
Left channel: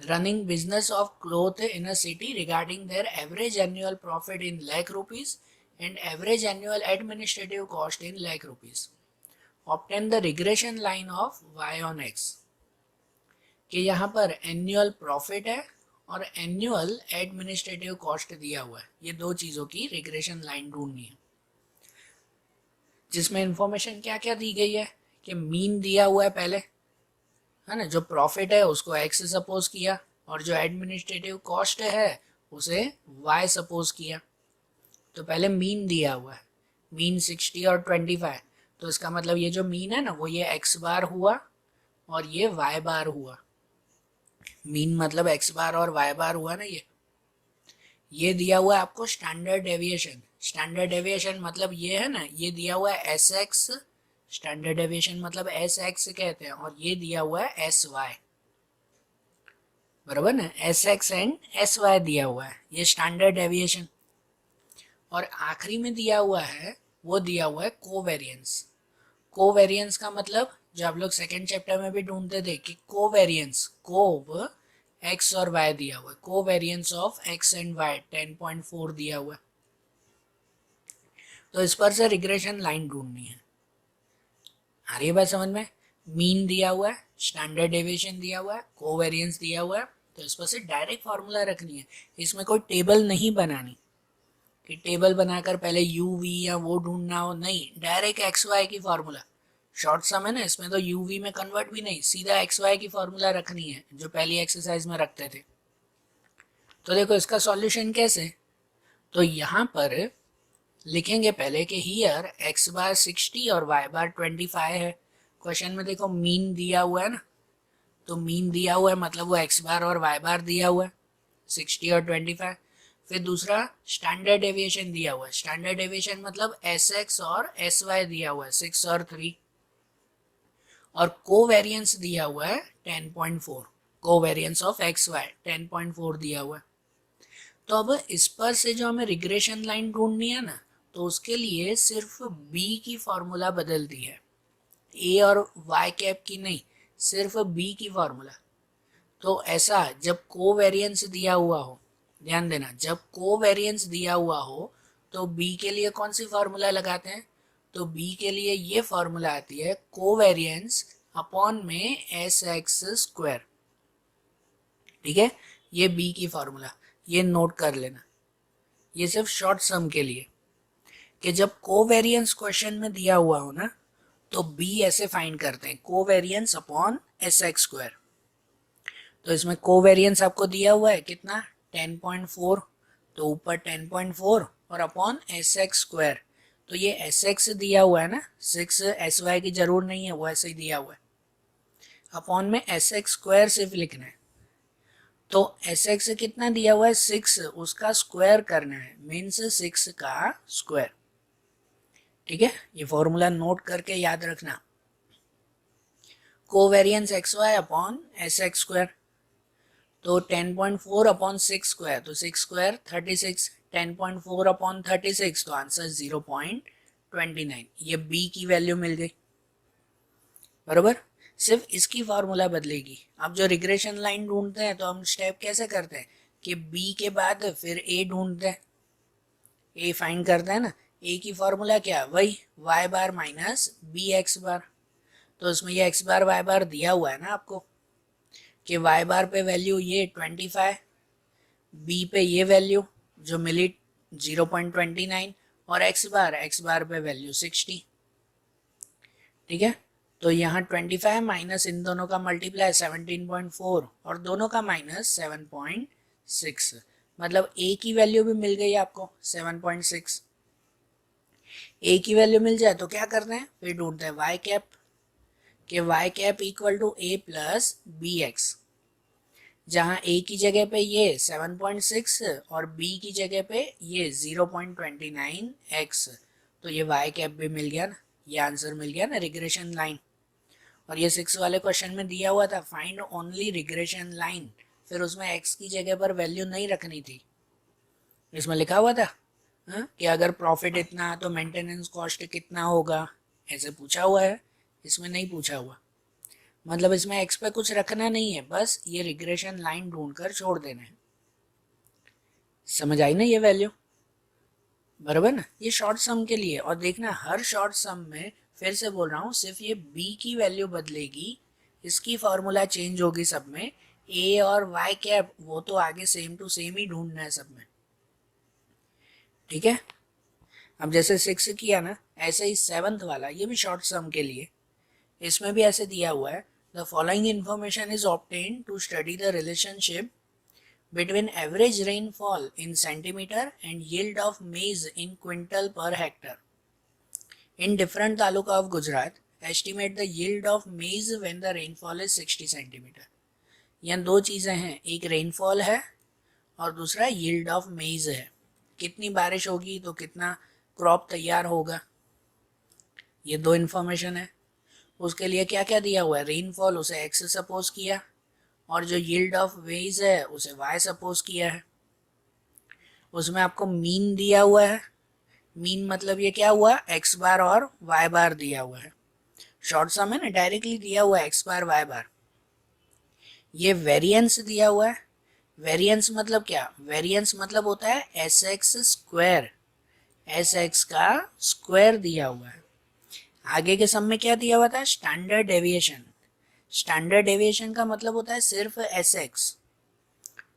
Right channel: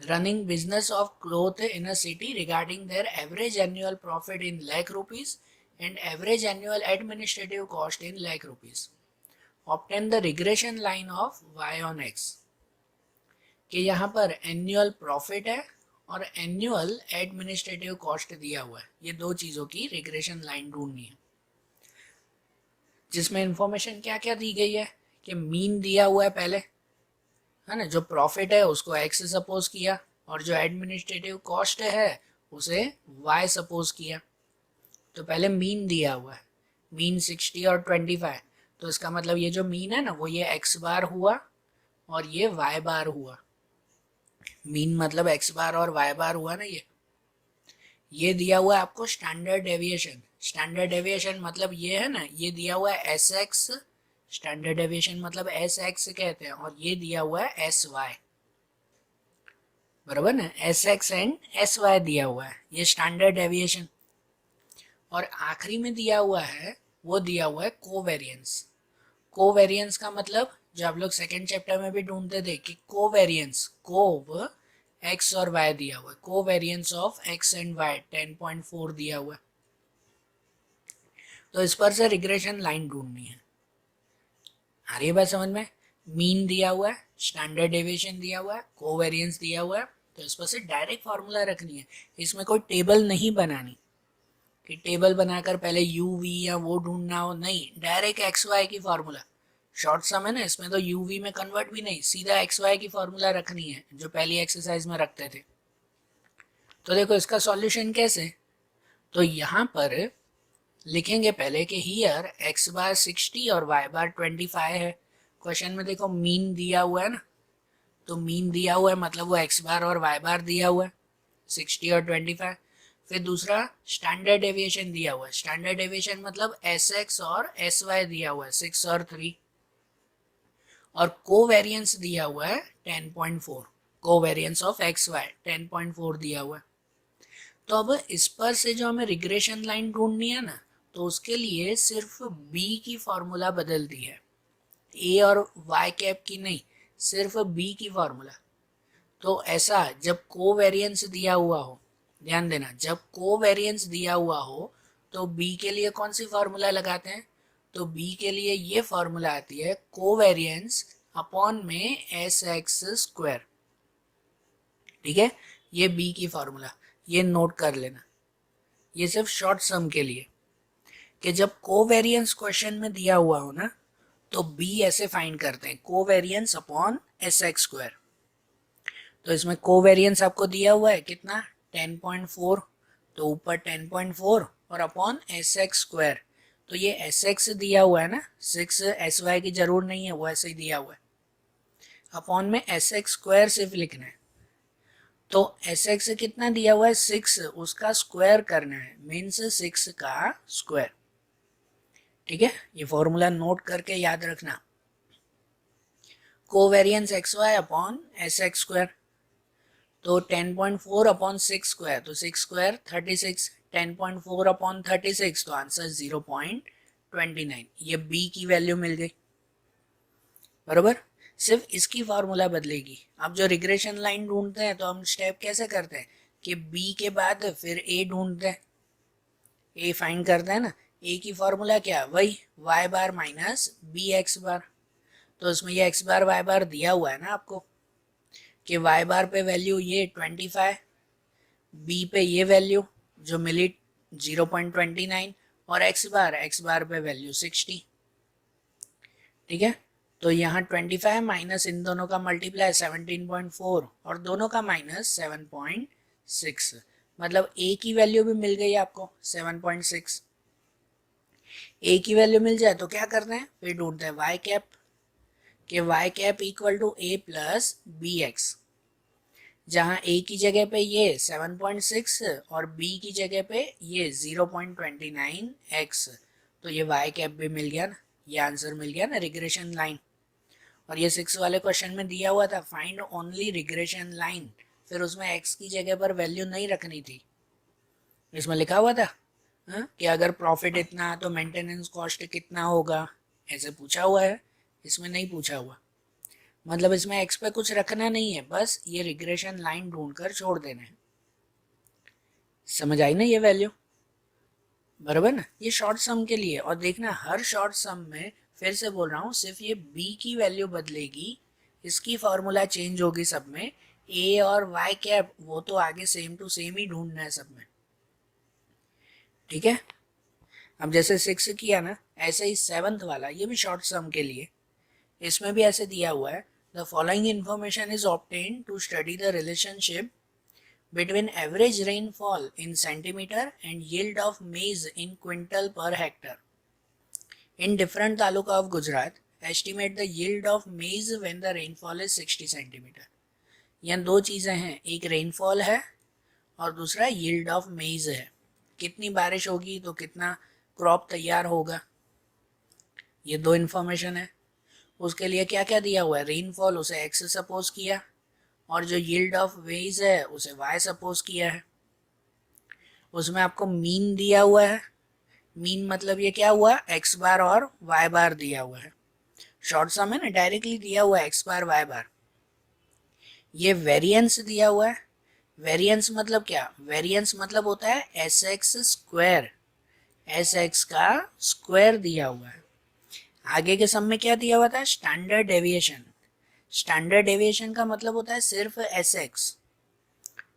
running business of cloth in a city regarding their average annual profit in lakh rupees and average annual administrative cost in lakh rupees. Obtain the regression line of y on x, कि यहाँ पर annual profit है और annual administrative cost दिया हुआ है, ये दो चीज़ों की रिग्रेशन लाइन ढूंढनी है, जिसमें इंफॉर्मेशन क्या क्या दी गई है कि मीन दिया हुआ है पहले, है ना, जो प्रॉफिट है उसको x सपोज किया और जो एडमिनिस्ट्रेटिव कॉस्ट है उसे y सपोज किया। तो पहले मीन दिया हुआ है, मीन 60 और 25, तो इसका मतलब ये जो मीन है ना वो ये x बार हुआ और ये y बार हुआ। मीन मतलब x बार और y बार हुआ ना। ये दिया हुआ है आपको स्टैंडर्ड डेविएशन, स्टैंडर्ड डेविएशन मतलब ये है ना, ये दिया हुआ है एस एक्स, स्टैंडर्ड डेविएशन मतलब एस एक्स कहते हैं, और ये दिया हुआ है एस वाई। बराबर ना, S X and S Y दिया हुआ है, ये स्टैंडर्ड डेविएशन। और आखिरी में दिया हुआ है, वो दिया हुआ है कोवेरियंस। कोवेरियंस का मतलब जो आप लोग सेकेंड चैप्टर में भी ढूंढते थे कि कोवेरियंस, कोव एक्स और वाई दिया हुआ है, covariance of X and Y 10.4 दिया हुआ है। तो इस पर से रिग्रेशन लाइन ढूंढनी है। आ रही है बात समझ में? मीन दिया हुआ है, स्टैंडर्ड डेविएशन दिया हुआ है, कोवेरियंस दिया हुआ है, तो इस पर से डायरेक्ट फार्मूला रखनी है। इसमें कोई टेबल नहीं बनानी कि टेबल बनाकर पहले यू वी या वो ढूंढना हो, नहीं, डायरेक्ट एक्स वाई की फार्मूला। शॉर्ट सम है ना, इसमें तो यू वी में कन्वर्ट भी नहीं, सीधा एक्स वाई की फार्मूला रखनी है जो पहली एक्सरसाइज में रखते थे। तो देखो इसका सॉल्यूशन कैसे, तो यहाँ पर लिखेंगे पहले कि हियर एक्स बार 60 और वाई बार 25 है। क्वेश्चन में देखो मीन दिया हुआ है ना, तो मीन दिया हुआ है मतलब वो एक्स बार और वाई बार दिया हुआ है 60 और 25। फिर दूसरा स्टैंडर्ड डेविएशन दिया हुआ है, स्टैंडर्ड डेविएशन मतलब एस एक्स और एस वाई दिया हुआ है 6 और 3। और कोवेरियंस दिया हुआ है 10.4, कोवेरियंस ऑफ एक्स वाई 10.4 दिया हुआ है। तो अब इस पर से जो हमें रिग्रेशन लाइन ढूंढनी है ना, तो उसके लिए सिर्फ बी की फॉर्मूला बदल दी है, ए और वाई कैप की नहीं, सिर्फ बी की फॉर्मूला। तो ऐसा जब कोवेरियंस दिया हुआ हो, ध्यान देना, जब कोवेरियंस दिया हुआ हो तो बी के लिए कौन सी फॉर्मूला लगाते हैं, तो बी के लिए ये फॉर्मूला आती है कोवेरियंस अपॉन में एस एक्स स्क्वायर। ठीक है, ये बी की फॉर्मूला, ये नोट कर लेना, ये सिर्फ शॉर्ट सम के लिए कि जब कोवेरियंस क्वेश्चन में दिया हुआ हो ना, तो बी ऐसे फाइंड करते हैं, covariance upon S x square. तो इसमें कोवेरियंस आपको दिया हुआ है कितना, 10.4, तो ऊपर 10.4 और अपॉन एस एक्स स्क्वायर। तो ये एस एक्स दिया हुआ है ना, 6 एस वाई की जरूर नहीं है, वो ऐसे ही दिया हुआ है, अपॉन में एस एक्स स्क्वायर सिर्फ लिखना है। तो एस एक्स कितना दिया हुआ है 6, उसका स्क्वायर करना है, मीन्स 6 का स्क्वायर। ठीक है, ये फॉर्मूला नोट करके याद रखना, covariance X Y upon S x square. तो 10.4 अपॉन 6 स्क्वायर, तो 6 स्क्वायर 36, 10.4 अपॉन 36, तो आंसर 0.29। ये बी की वैल्यू मिल गई, बराबर। सिर्फ इसकी फार्मूला बदलेगी। अब जो रिग्रेशन लाइन ढूंढते हैं तो हम स्टेप कैसे करते हैं कि बी के बाद फिर ए ढूंढते हैं, ए फाइंड करते हैं ना, ए की फार्मूला क्या, वही Y bar minus B X bar. तो उसमें ये एक्स बार वाई बार दिया हुआ है ना आपको, कि वाई बार पे वैल्यू ये 25, बी पे ये वैल्यू जो मिली 0.29, और एक्स बार पे वैल्यू 60। ठीक है, तो यहाँ 25 माइनस इन दोनों का मल्टीप्लाई 17.4 और दोनों का माइनस 7.6, मतलब ए की वैल्यू भी मिल गई आपको 7.6। ए की वैल्यू मिल जाए तो क्या करते हैं, फिर ढूंढते हैं वाई कैप, कि Y cap equal to A plus B X, जहाँ ए की जगह पे ये 7.6 और बी की जगह पे ये 0.29x, तो ये वाई कैप भी मिल गया ना, ये आंसर मिल गया ना रिग्रेशन लाइन। और ये 6 वाले क्वेश्चन में दिया हुआ था फाइंड ओनली रिग्रेशन लाइन, फिर उसमें x की जगह पर वैल्यू नहीं रखनी थी, इसमें लिखा हुआ था कि अगर प्रॉफिट इतना तो मेंटेनेंस कॉस्ट कितना होगा, ऐसे पूछा हुआ है, इसमें नहीं पूछा हुआ। मतलब इसमें एक्स पे कुछ रखना नहीं है, बस ये रिग्रेशन लाइन ढूंढकर छोड़ देना है। समझ आई ना ये वैल्यू, बराबर ना, ये शॉर्ट सम के लिए। और देखना हर शॉर्ट सम में, फिर से बोल रहा हूँ, सिर्फ ये बी की वैल्यू बदलेगी, इसकी फॉर्मूला चेंज होगी सब में, ए और वाई कैप वो तो आगे सेम टू सेम ही ढूंढना है सब में। ठीक है, अब जैसे 6 किया ना, ऐसे ही 7th वाला, ये भी शॉर्ट सम के लिए, इसमें भी ऐसे दिया हुआ है, the following information is obtained to study the relationship between average rainfall in centimeter and yield of maize in quintal per hectare in different taluka of Gujarat. Estimate the yield of maize when the rainfall is 60 centimeter. यहाँ दो चीज़ें हैं, एक rainfall है और दूसरा yield of मेज है, कितनी बारिश होगी तो कितना क्रॉप तैयार होगा, ये दो इन्फॉर्मेशन है। उसके लिए क्या क्या दिया हुआ है, रेनफॉल उसे एक्स सपोज किया, और जो यील्ड ऑफ वेज है उसे y सपोज किया है, उसमें आपको मीन दिया हुआ है। मीन मतलब ये क्या हुआ, x बार और y बार दिया हुआ है। शॉर्ट सम है ना, डायरेक्टली दिया हुआ है x बार y बार। ये वेरिएंस दिया हुआ है। वेरिएंस मतलब क्या, वेरिएंस मतलब होता है S x square, S x का स्क्वायर दिया हुआ है। आगे के सम में क्या दिया हुआ था, स्टैंडर्ड डेविएशन। स्टैंडर्ड डेविएशन का मतलब होता है सिर्फ एस एक्स,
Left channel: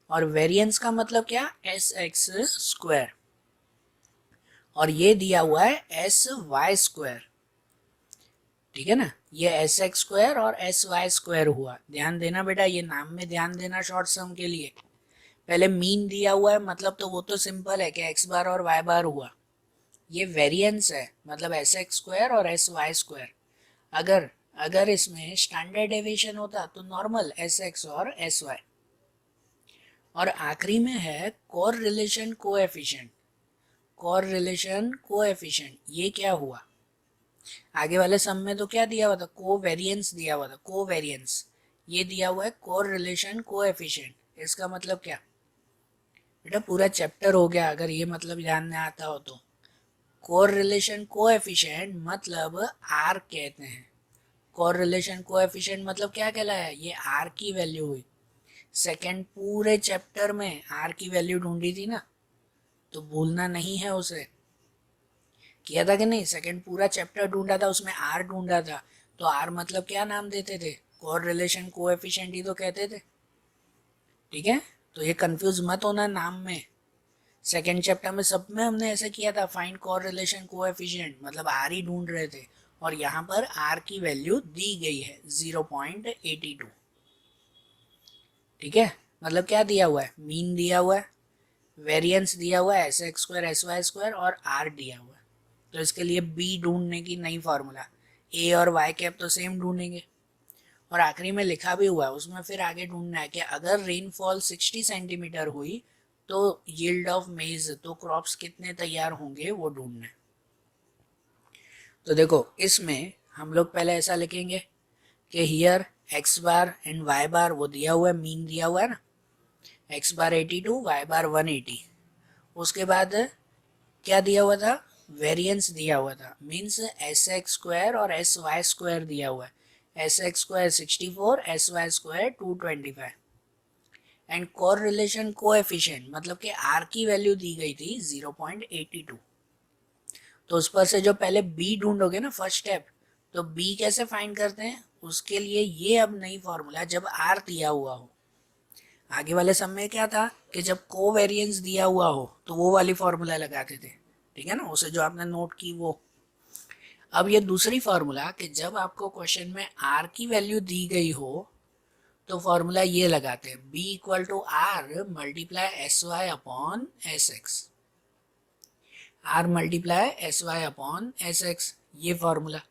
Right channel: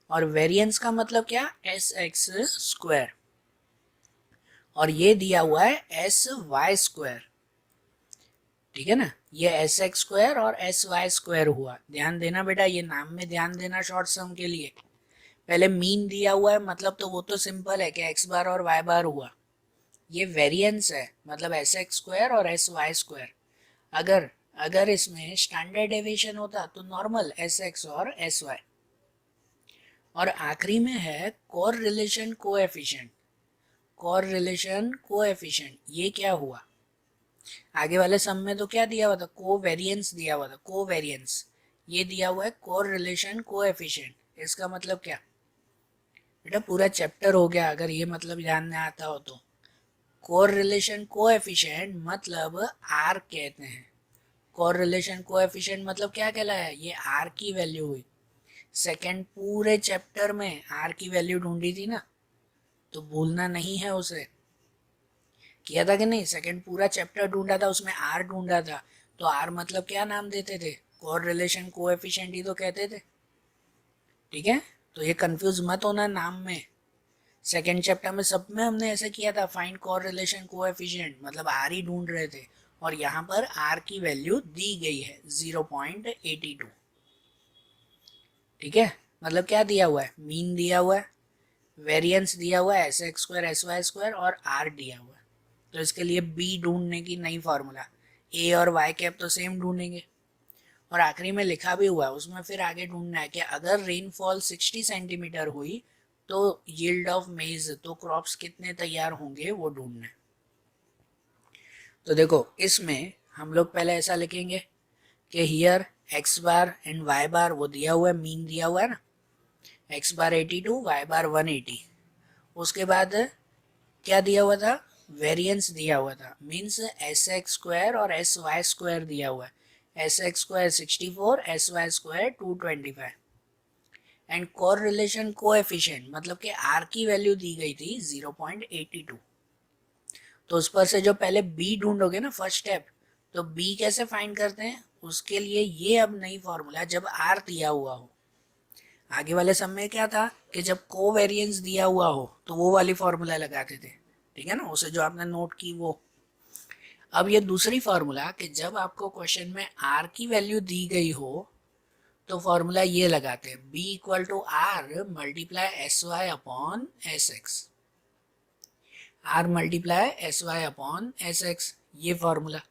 और वेरिएंस का मतलब क्या, एस एक्स स्क्वायर, और ये दिया हुआ है एस वाई स्क्वायर। ठीक है ना, ये एस एक्स स्क्वायर और एस वाई स्क्वायर हुआ। ध्यान देना बेटा, ये नाम में ध्यान देना शॉर्ट सम के लिए। पहले मीन दिया हुआ है मतलब तो वो तो सिंपल है कि एक्स बार और वाई बार हुआ। ये वेरिएंस है मतलब एस एक्स स्क्वायर और एस वाई स्क्वायर। अगर अगर इसमें स्टैंडर्ड डेविएशन होता तो नॉर्मल एस एक्स और एस वाई। और आखिरी में है core relation coefficient. Core relation coefficient ये क्या हुआ, आगे वाले सम में तो क्या दिया हुआ था, को वेरिएंस दिया हुआ था, को वेरिएंस। ये दिया हुआ है कोर रिलेशन कोएफिशिएंट। इसका मतलब क्या बेटा, पूरा चैप्टर हो गया अगर ये मतलब ध्यान में आता हो तो। कोर रिलेशन कोएफिशिएंट मतलब आर कहते हैं। कोर रिलेशन कोएफिशिएंट मतलब क्या कहलाया, ये आर की वैल्यू हुई। सेकंड पूरे चैप्टर में आर की वैल्यू ढूंढी थी ना, तो भूलना नहीं है उसे। किया था कि नहीं, सेकंड पूरा चैप्टर ढूंढा था, उसमें आर ढूंढा था। तो आर मतलब क्या नाम देते थे, कोर रिलेशन कोएफिशिएंट ही तो कहते थे। ठीक है, तो ये कंफ्यूज मत होना नाम में। सेकेंड चैप्टर में सब में हमने ऐसे किया था, फाइंड कोर रिलेशन कोएफिशिएंट मतलब आर ही ढूंढ रहे थे, और यहाँ पर आर की वैल्यू दी गई है 0.82। ठीक है, मतलब क्या दिया हुआ है, मीन दिया हुआ है, वेरिएंस दिया हुआ है S x square S Y square, और आर दिया हुआ है। तो इसके लिए बी ढूंढने की नई फार्मूला, ए और वाई कैप तो सेम ढूंढेंगे, और आखिरी में लिखा भी हुआ है उसमें फिर आगे ढूंढना है कि अगर रेनफॉल 60 सेंटीमीटर हुई तो यील्ड ऑफ मेज, तो क्रॉप्स कितने तैयार होंगे वो ढूंढना है। तो देखो इसमें हम लोग पहले ऐसा लिखेंगे कि here X bar and Y bar वो दिया हुआ है, मीन दिया हुआ है ना, एक्स बार 82 वाई बार 180। उसके बाद क्या दिया हुआ था, वेरिएंस दिया हुआ था, मीन्स एस एक्स स्क्वायर और एस वाई स्क्वायर दिया हुआ है। S x square 64, S Y square 225। And correlation coefficient मतलब कि आर की वैल्यू दी गई थी 0.82। तो उस पर से जो पहले बी ढूंढोगे ना फर्स्ट स्टेप, तो बी कैसे फाइंड करते हैं, उसके लिए ये अब नई फॉर्मूला, जब आर दिया हुआ हो। आगे वाले सब में क्या था कि जब कोवेरिएंस दिया हुआ हो तो वो वाली फॉर्मूला लगाते थे। ठीक है ना, उसे जो आपने नोट की वो। अब ये दूसरी फार्मूला कि जब आपको क्वेश्चन में आर की वैल्यू दी गई हो तो फॉर्मूला ये लगाते हैं, B equal to R multiply S Y upon S X. R multiply S Y upon S X, ये फॉर्मूला।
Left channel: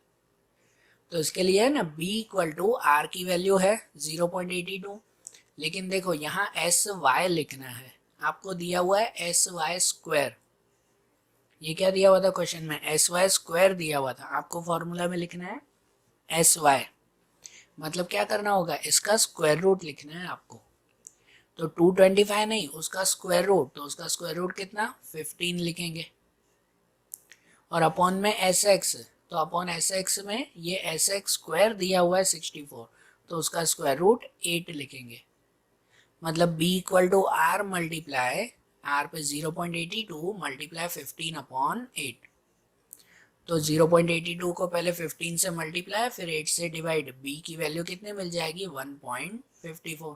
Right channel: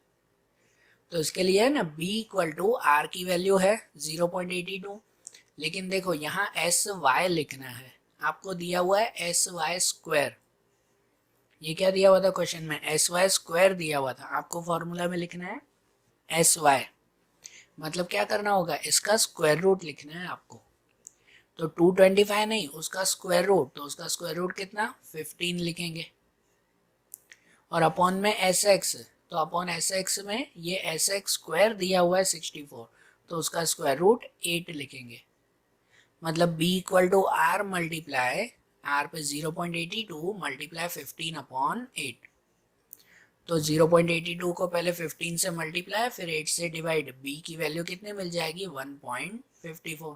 तो इसके लिए है ना बी इक्वल टू आर की वैल्यू है 0.82, लेकिन देखो यहाँ एस वाई लिखना है, आपको दिया हुआ है एस वाई स्क्वायर। ये क्या दिया हुआ था क्वेश्चन में, एस वाई स्क्वायर दिया हुआ था, आपको फॉर्मूला में लिखना है एस वाई। मतलब क्या करना होगा, इसका स्क्वायर रूट लिखना है आपको। तो 225 नहीं, उसका स्क्वायर रूट, तो उसका स्क्वायर रूट कितना 15 लिखेंगे। और अपॉन में एस एक्स, तो अपॉन एस एक्स में ये एस एक्स स्क्वायर दिया हुआ है 64, तो उसका स्क्वायर रूट 8 लिखेंगे। मतलब B equal to R multiply, R पे 0.82 मल्टीप्लाई 15 अपॉन 8। तो 0.82 को पहले 15 से मल्टीप्लाई फिर 8 से डिवाइड, बी की वैल्यू कितने मिल जाएगी 1.54।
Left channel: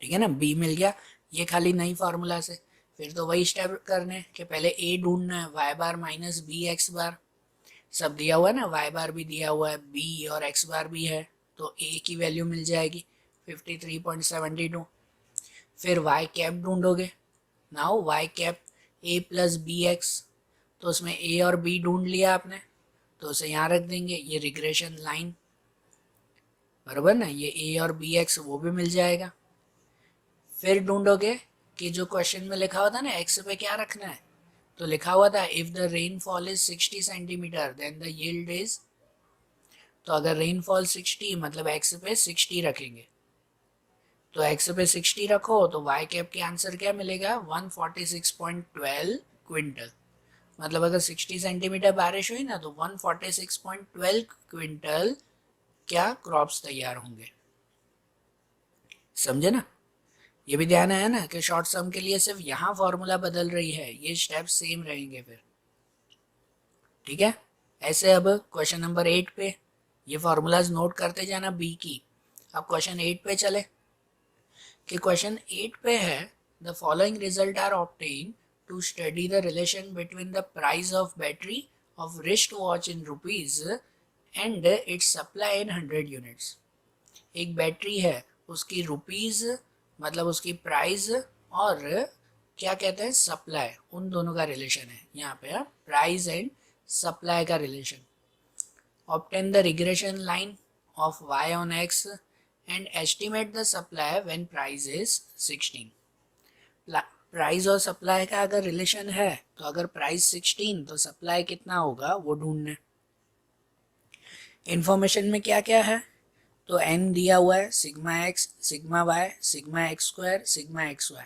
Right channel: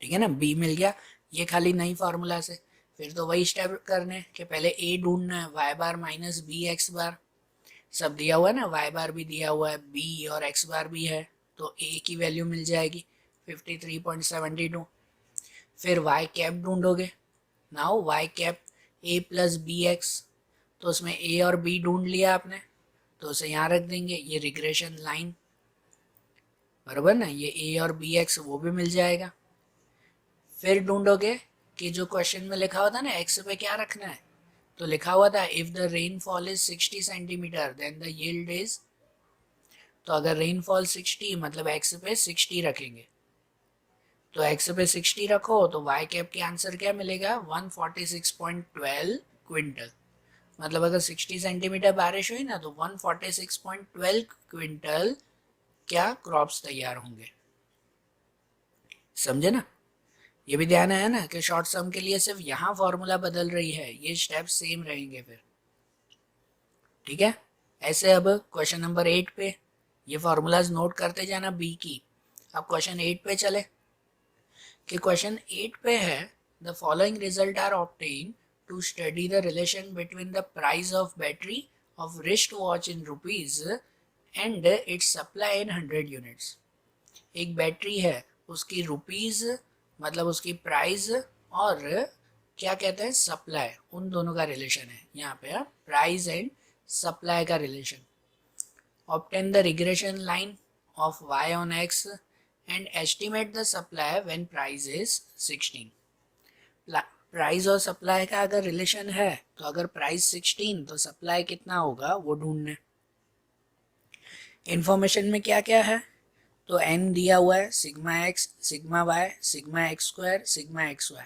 ठीक है ना, बी मिल गया। ये खाली नई फार्मूला से फिर तो वही स्टेप करने कि पहले ए ढूंढना है, Y bar minus B X बार, सब दिया हुआ है ना, वाई बार भी दिया हुआ है, बी और एक्स बार भी है, तो ए की वैल्यू मिल जाएगी 53.72। फिर वाई कैप ढूंढोगे, now Y cap A plus B X, तो उसमें ए और बी ढूंढ लिया आपने, तो उसे यहाँ रख देंगे, ये रिग्रेशन लाइन बराबर ना, ये ए और बी एक्स वो भी मिल जाएगा। फिर ढूंढोगे कि जो क्वेश्चन में लिखा हुआ था ना एक्स पे क्या रखना है, तो लिखा हुआ था if the rainfall is 60 centimetre then the yield is, तो अगर रेनफॉल 60 मतलब एक्स पे 60 रखेंगे, तो एक्स पे 60 रखो तो वाई कैप के आंसर क्या मिलेगा 146.12 क्विंटल। मतलब अगर 60 सेंटीमीटर बारिश हुई ना तो 146.12 क्विंटल क्या क्रॉप्स तैयार होंगे। समझे ना। ये भी ध्यान आया ना कि शॉर्ट सम के लिए सिर्फ यहाँ फॉर्मूला बदल रही है, ये स्टेप सेम रहेंगे फिर। ठीक है। ऐसे अब क्वेश्चन नंबर 8 पे ये फॉर्मूलाज नोट करते जाना बी की। अब क्वेश्चन 8 पे चले कि क्वेश्चन 8 पे है the following result are obtain to study the relation between the price of battery of wrist watch in rupees and its supply in 100 units. एक बैटरी है, उसकी रुपीज मतलब उसकी प्राइस और क्या कहते हैं सप्लाई, उन दोनों का रिलेशन है यहाँ पे, प्राइस एंड सप्लाई का relation. Obtain the regression line of y on x and estimate the supply when price is 16। Price और सप्लाई का अगर रिलेशन है तो अगर प्राइस 16 तो सप्लाई कितना होगा वो ढूंढने। इंफॉर्मेशन में क्या क्या है तो n दिया हुआ है, sigma x, sigma y, sigma x square, sigma xy।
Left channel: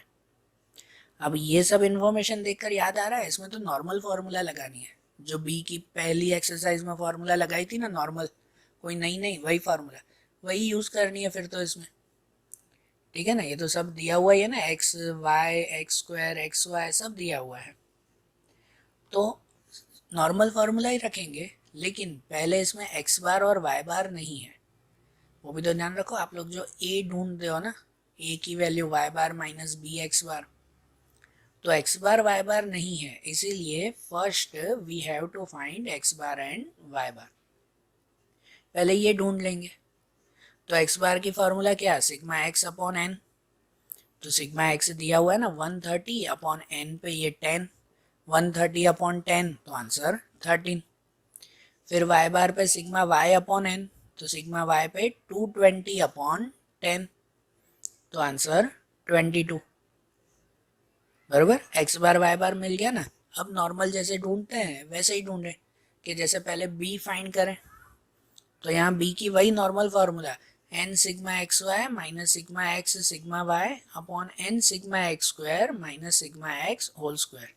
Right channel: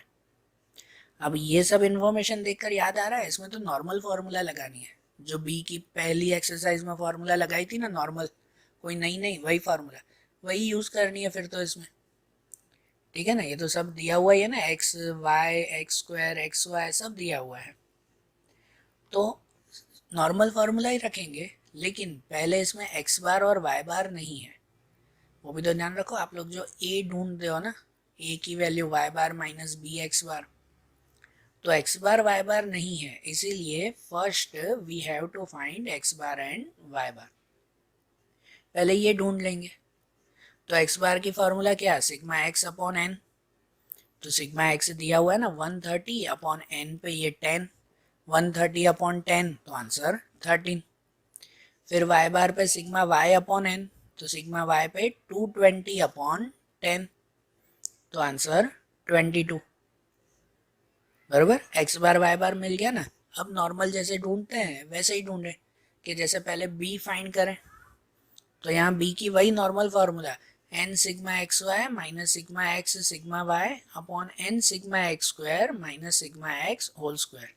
अब ये सब इंफॉर्मेशन देखकर याद आ रहा है इसमें तो नॉर्मल फार्मूला लगानी है, जो बी की पहली एक्सरसाइज में फार्मूला लगाई थी ना नॉर्मल, कोई नहीं वही फार्मूला वही यूज करनी है फिर तो इसमें। ठीक है ना। ये तो सब दिया हुआ ही है ना, X Y X square X Y सब दिया हुआ है, तो नॉर्मल फार्मूला ही रखेंगे। लेकिन पहले इसमें एक्स बार और वाई बार नहीं है, वो भी तो ध्यान रखो। आप लोग जो ए ढूंढते हो ना, ए की value Y bar minus B X bar, तो एक्स बार वाई बार नहीं है, इसीलिए first we have to find X bar and Y bar. पहले ये ढूंढ लेंगे। तो एक्स बार की फार्मूला क्या है, सिग्मा एक्स अपॉन एन। तो सिग्मा एक्स दिया हुआ है ना 130 अपॉन एन पे ये 10, 130 अपॉन 10 तो आंसर 13। फिर वाई बार पे सिग्मा वाई अपॉन एन, तो सिग्मा वाई पे 220 अपॉन 10 तो आंसर 22। बराबर। एक्स बार वाई बार मिल गया ना। अब नॉर्मल जैसे ढूंढते हैं वैसे ही ढूंढे कि जैसे पहले बी फाइंड करें, तो यहाँ बी की वही नॉर्मल फार्मूला है, N sigma x Y minus sigma X sigma Y upon N sigma X square minus sigma X whole square.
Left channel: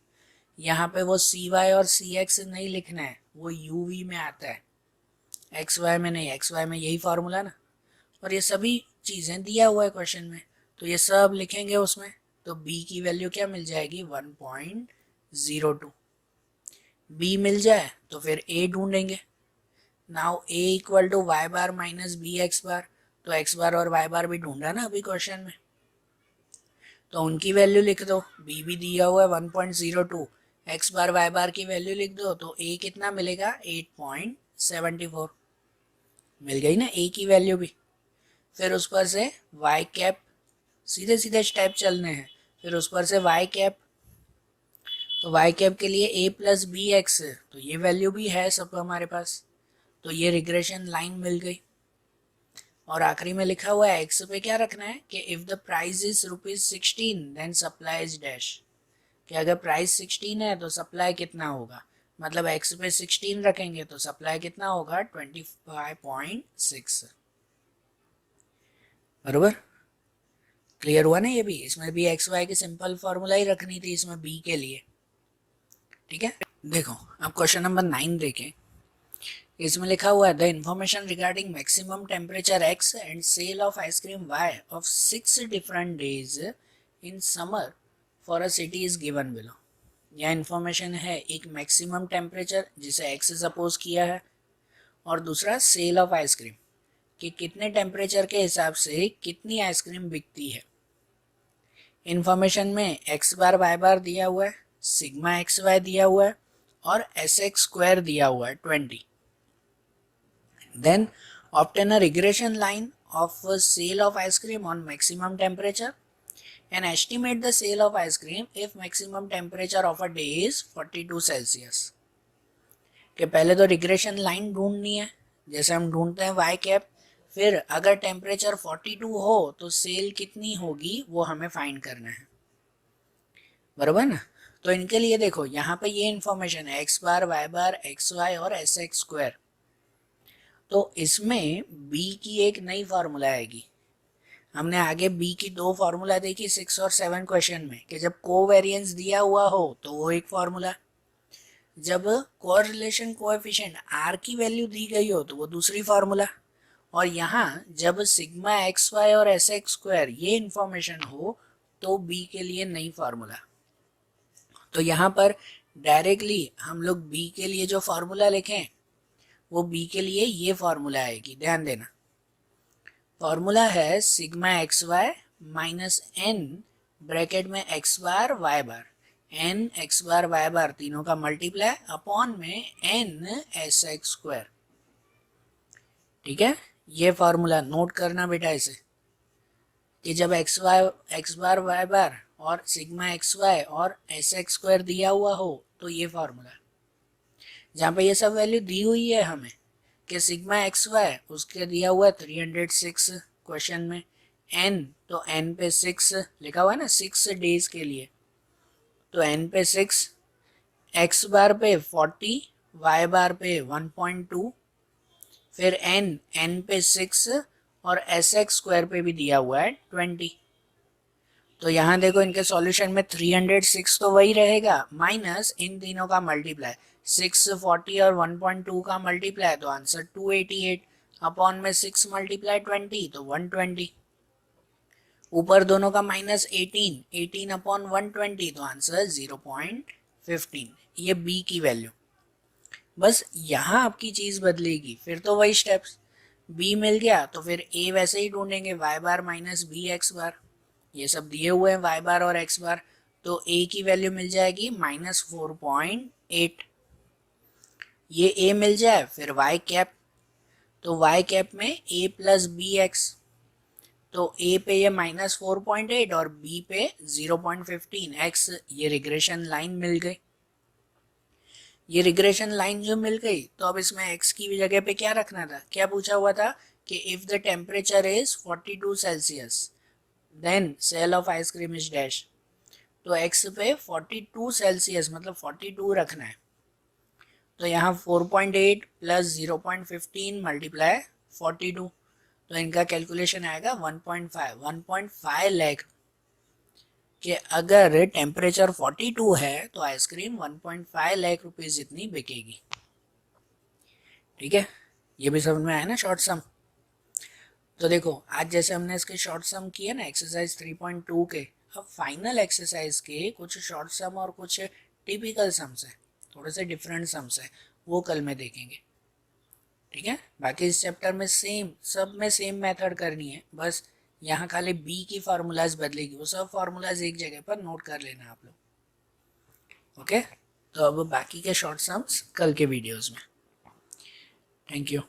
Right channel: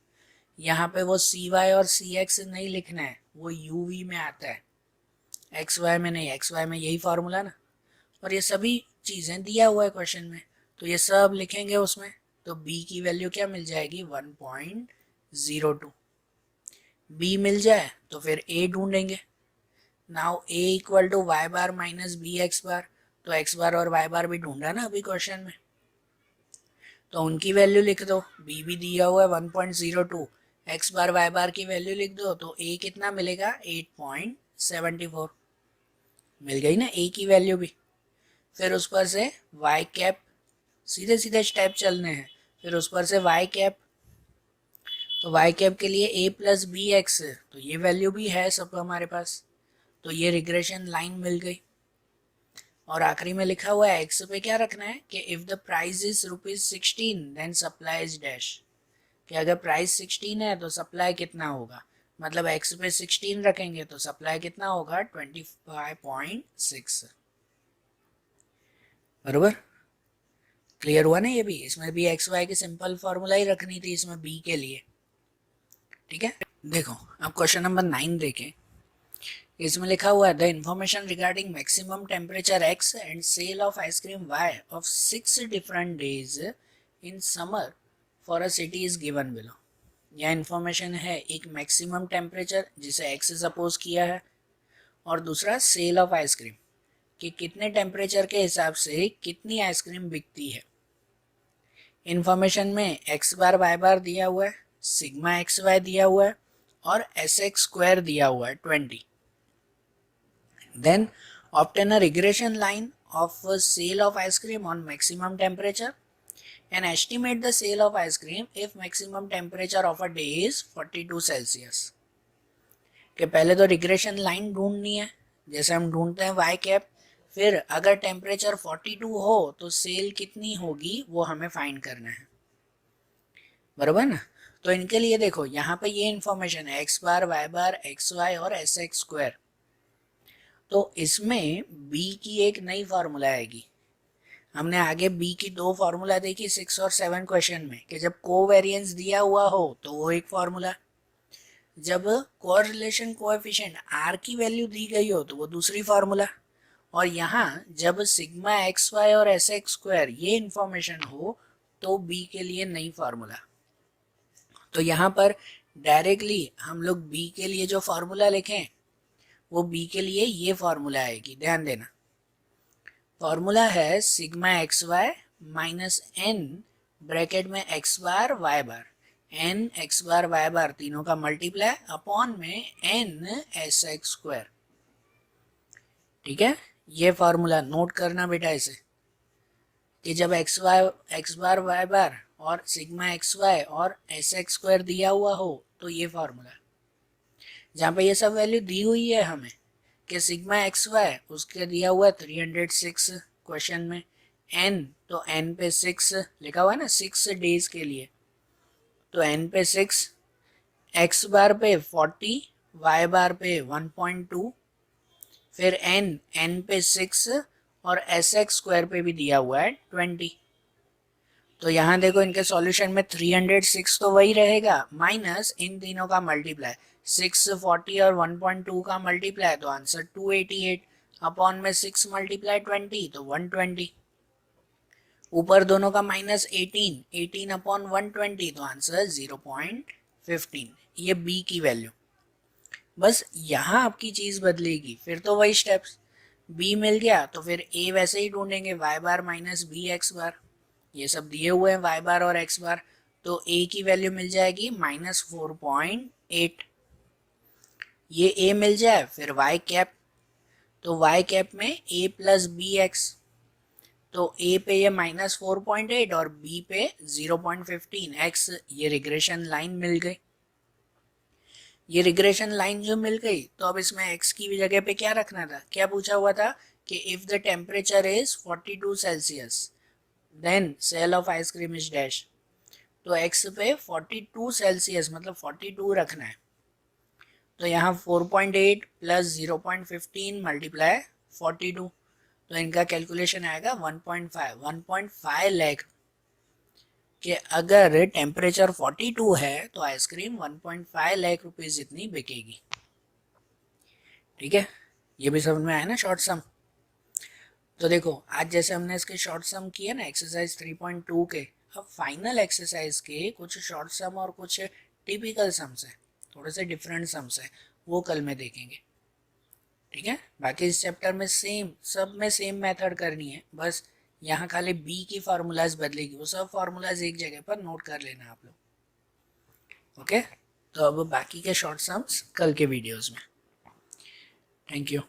यहाँ पे वो सी वाई और सी एक्स नहीं लिखना है, वो यू वी में आता है, एक्स वाई में नहीं। एक्स वाई में यही फार्मूला ना। और ये सभी चीज़ें दिया हुआ है क्वेश्चन में, तो ये सब लिखेंगे उसमें। तो b की वैल्यू क्या मिल जाएगी 1.02। b मिल जाए तो फिर a ढूंढेंगे। Now a equal to Y bar minus B X bar, तो x बार और y बार भी ढूंढा ना अभी क्वेश्चन में, तो उनकी वैल्यू लिख दो। b भी दिया हुआ है 1.02, x बार y बार की वैल्यू लिख दो तो a कितना मिलेगा 8.74। मिल गई ना a की वैल्यू भी। फिर उस पर से y कैप, सीधे सीधे स्टेप चलने हैं। फिर उस पर से y कैप, तो y कैप के लिए a प्लस बी एक्स, तो ये वैल्यू भी है सब हमारे पास, तो ये रिग्रेशन लाइन मिल गई। और आखिरी में लिखा हुआ है x पे क्या रखना है कि if the price is ₹16 then supply is dash, कि अगर प्राइस 16 है तो सप्लाई कितना होगा, मतलब x पे 16 रखेंगे तो सप्लाई कितना होगा 25.6। बरोबर। क्लियर हुआ ना ये भी। इसमें भी एक्स वाई की सिंपल फार्मूला ही रखनी थी इसमें बी के लिए। ठीक है। देखो अब क्वेश्चन नंबर 9 देखें। इसमें लिखा हुआ है the information regarding maximum temperature x and sale of ice cream y of 6 different days in summer for a city is given below. यह इंफॉर्मेशन है एक मैक्सिमम टेम्परेचर जिसे एक्स सपोज किया है, और दूसरा सेल ऑफ आइसक्रीम कि कितने टेम्परेचर के हिसाब से कितनी आइसक्रीम बिकती है। इंफॉर्मेशन में एक्स बार वाई बार दिया हुआ है, सिग्मा एक्स वाई दिया हुआ है और एस एक्स स्क्वायर दिया हुआ है 20। Then obtain a regression line of sale of ice cream on maximum temperature and estimate the sale of ice cream if maximum temperature of a day is 42 Celsius. कि पहले तो रिग्रेशन लाइन ढूंढनी है, जैसे हम ढूंढते हैं वाई कैप, फिर अगर टेम्परेचर 42 हो तो सेल कितनी होगी वो हमें फाइंड करना है। बराबर ना। तो इनके लिए देखो यहाँ पे ये इंफॉर्मेशन है एक्स बार वाई बार एक्स वाई और एस एक्स स्क्वायर, तो इसमें बी की एक नई फार्मूला आएगी। हमने आगे बी की दो फार्मूला देखी 6 और 7 क्वेश्चन में कि जब कोवेरिएंस दिया हुआ हो तो वो एक फार्मूला, जब कोरिलेशन कोएफिशिएंट आर की वैल्यू दी गई हो तो वो दूसरी फार्मूला, और यहाँ जब सिग्मा एक्स वाई और एस एक्स स्क्वायर ये इंफॉर्मेशन हो तो बी के लिए नई फार्मूला। तो यहाँ पर डायरेक्टली हम लोग बी के लिए जो फार्मूला लिखें वो बी के लिए ये फार्मूला आएगी, ध्यान देना। फार्मूला है sigma x Y minus n bracket में x bar Y bar, n x bar Y bar तीनों का मल्टीप्लाई अपॉन में एन एस एक्स स्क्वायर। ठीक है, ये फार्मूला नोट करना बेटा इसे, कि जब एक्स बार वाई बार और सिग्मा एक्स वाई और एस एक्स स्क्वायर दिया हुआ हो तो ये फार्मूला, जहाँ पे ये सब वैल्यू दी हुई है हमें कि सिग्मा एक्स वाई उसके दिया हुआ 306 क्वेश्चन में, एन तो एन पे 6 लिखा हुआ है ना 6 डेज के लिए, तो एन पे 6, एक्स बार पे 40, वाई बार पे 1.2, फिर एन पे 6 और एस एक्स स्क्वायर पे भी दिया हुआ है 20। तो यहाँ देखो इनके सॉल्यूशन में 306 तो वही रहेगा माइनस इन तीनों का मल्टीप्लाई 6, 40 और 1.2 का मल्टीप्लाई, तो आंसर 288 अपॉन में 6 मल्टीप्लाई 20 तो 120, ऊपर दोनों का माइनस 18 अपॉन 120 तो आंसर 0.15, ये बी की वैल्यू। बस यहाँ आपकी चीज बदलेगी, फिर तो वही स्टेप्स, बी मिल गया तो फिर ए वैसे ही ढूंढेंगे Y bar minus B X बार, ये सब दिए हुए हैं वाई बार और एक्स बार, तो ए की वैल्यू मिल जाएगी -4.8, ये ए मिल जाए फिर वाई कैप, तो वाई कैप में ए प्लस बी एक्स, तो ए पे ये -4.8 और बी पे 0.15 एक्स, ये रिग्रेशन लाइन मिल गई। ये रिग्रेशन लाइन जो मिल गई तो अब इसमें x की जगह पे क्या रखना था, क्या पूछा हुआ था कि if the temperature is 42 Celsius then sale of ice cream is dash, तो x पे 42 सेल्सियस मतलब 42 रखना है, तो यहाँ 4.8 प्लस 0.15 मल्टीप्लाई 42, तो इनका कैलकुलेशन आएगा 1.5 लाख, कि अगर टेम्परेचर 42 है तो आइसक्रीम 1.5 लाख रुपीस जितनी बिकेगी। ठीक है, ये भी समझ में आया ना शॉर्ट सम। तो देखो आज जैसे हमने इसके शॉर्ट सम किए ना एक्सरसाइज 3.2 के, अब फाइनल एक्सरसाइज के कुछ शॉर्ट सम और कुछ टिपिकल सम्स है, थोड़े से डिफरेंट सम्स है, वो कल में देखेंगे। ठीक है, बाकी इस चैप्टर में सेम, सब में सेम मेथड करनी है, बस यहाँ खाली बी की फार्मूलाज बदलेगी, वो सब फार्मूलाज एक जगह पर नोट कर लेना आप लोग। ओके, तो अब बाकी के शॉर्ट सम्स कल के वीडियोस में। Thank you.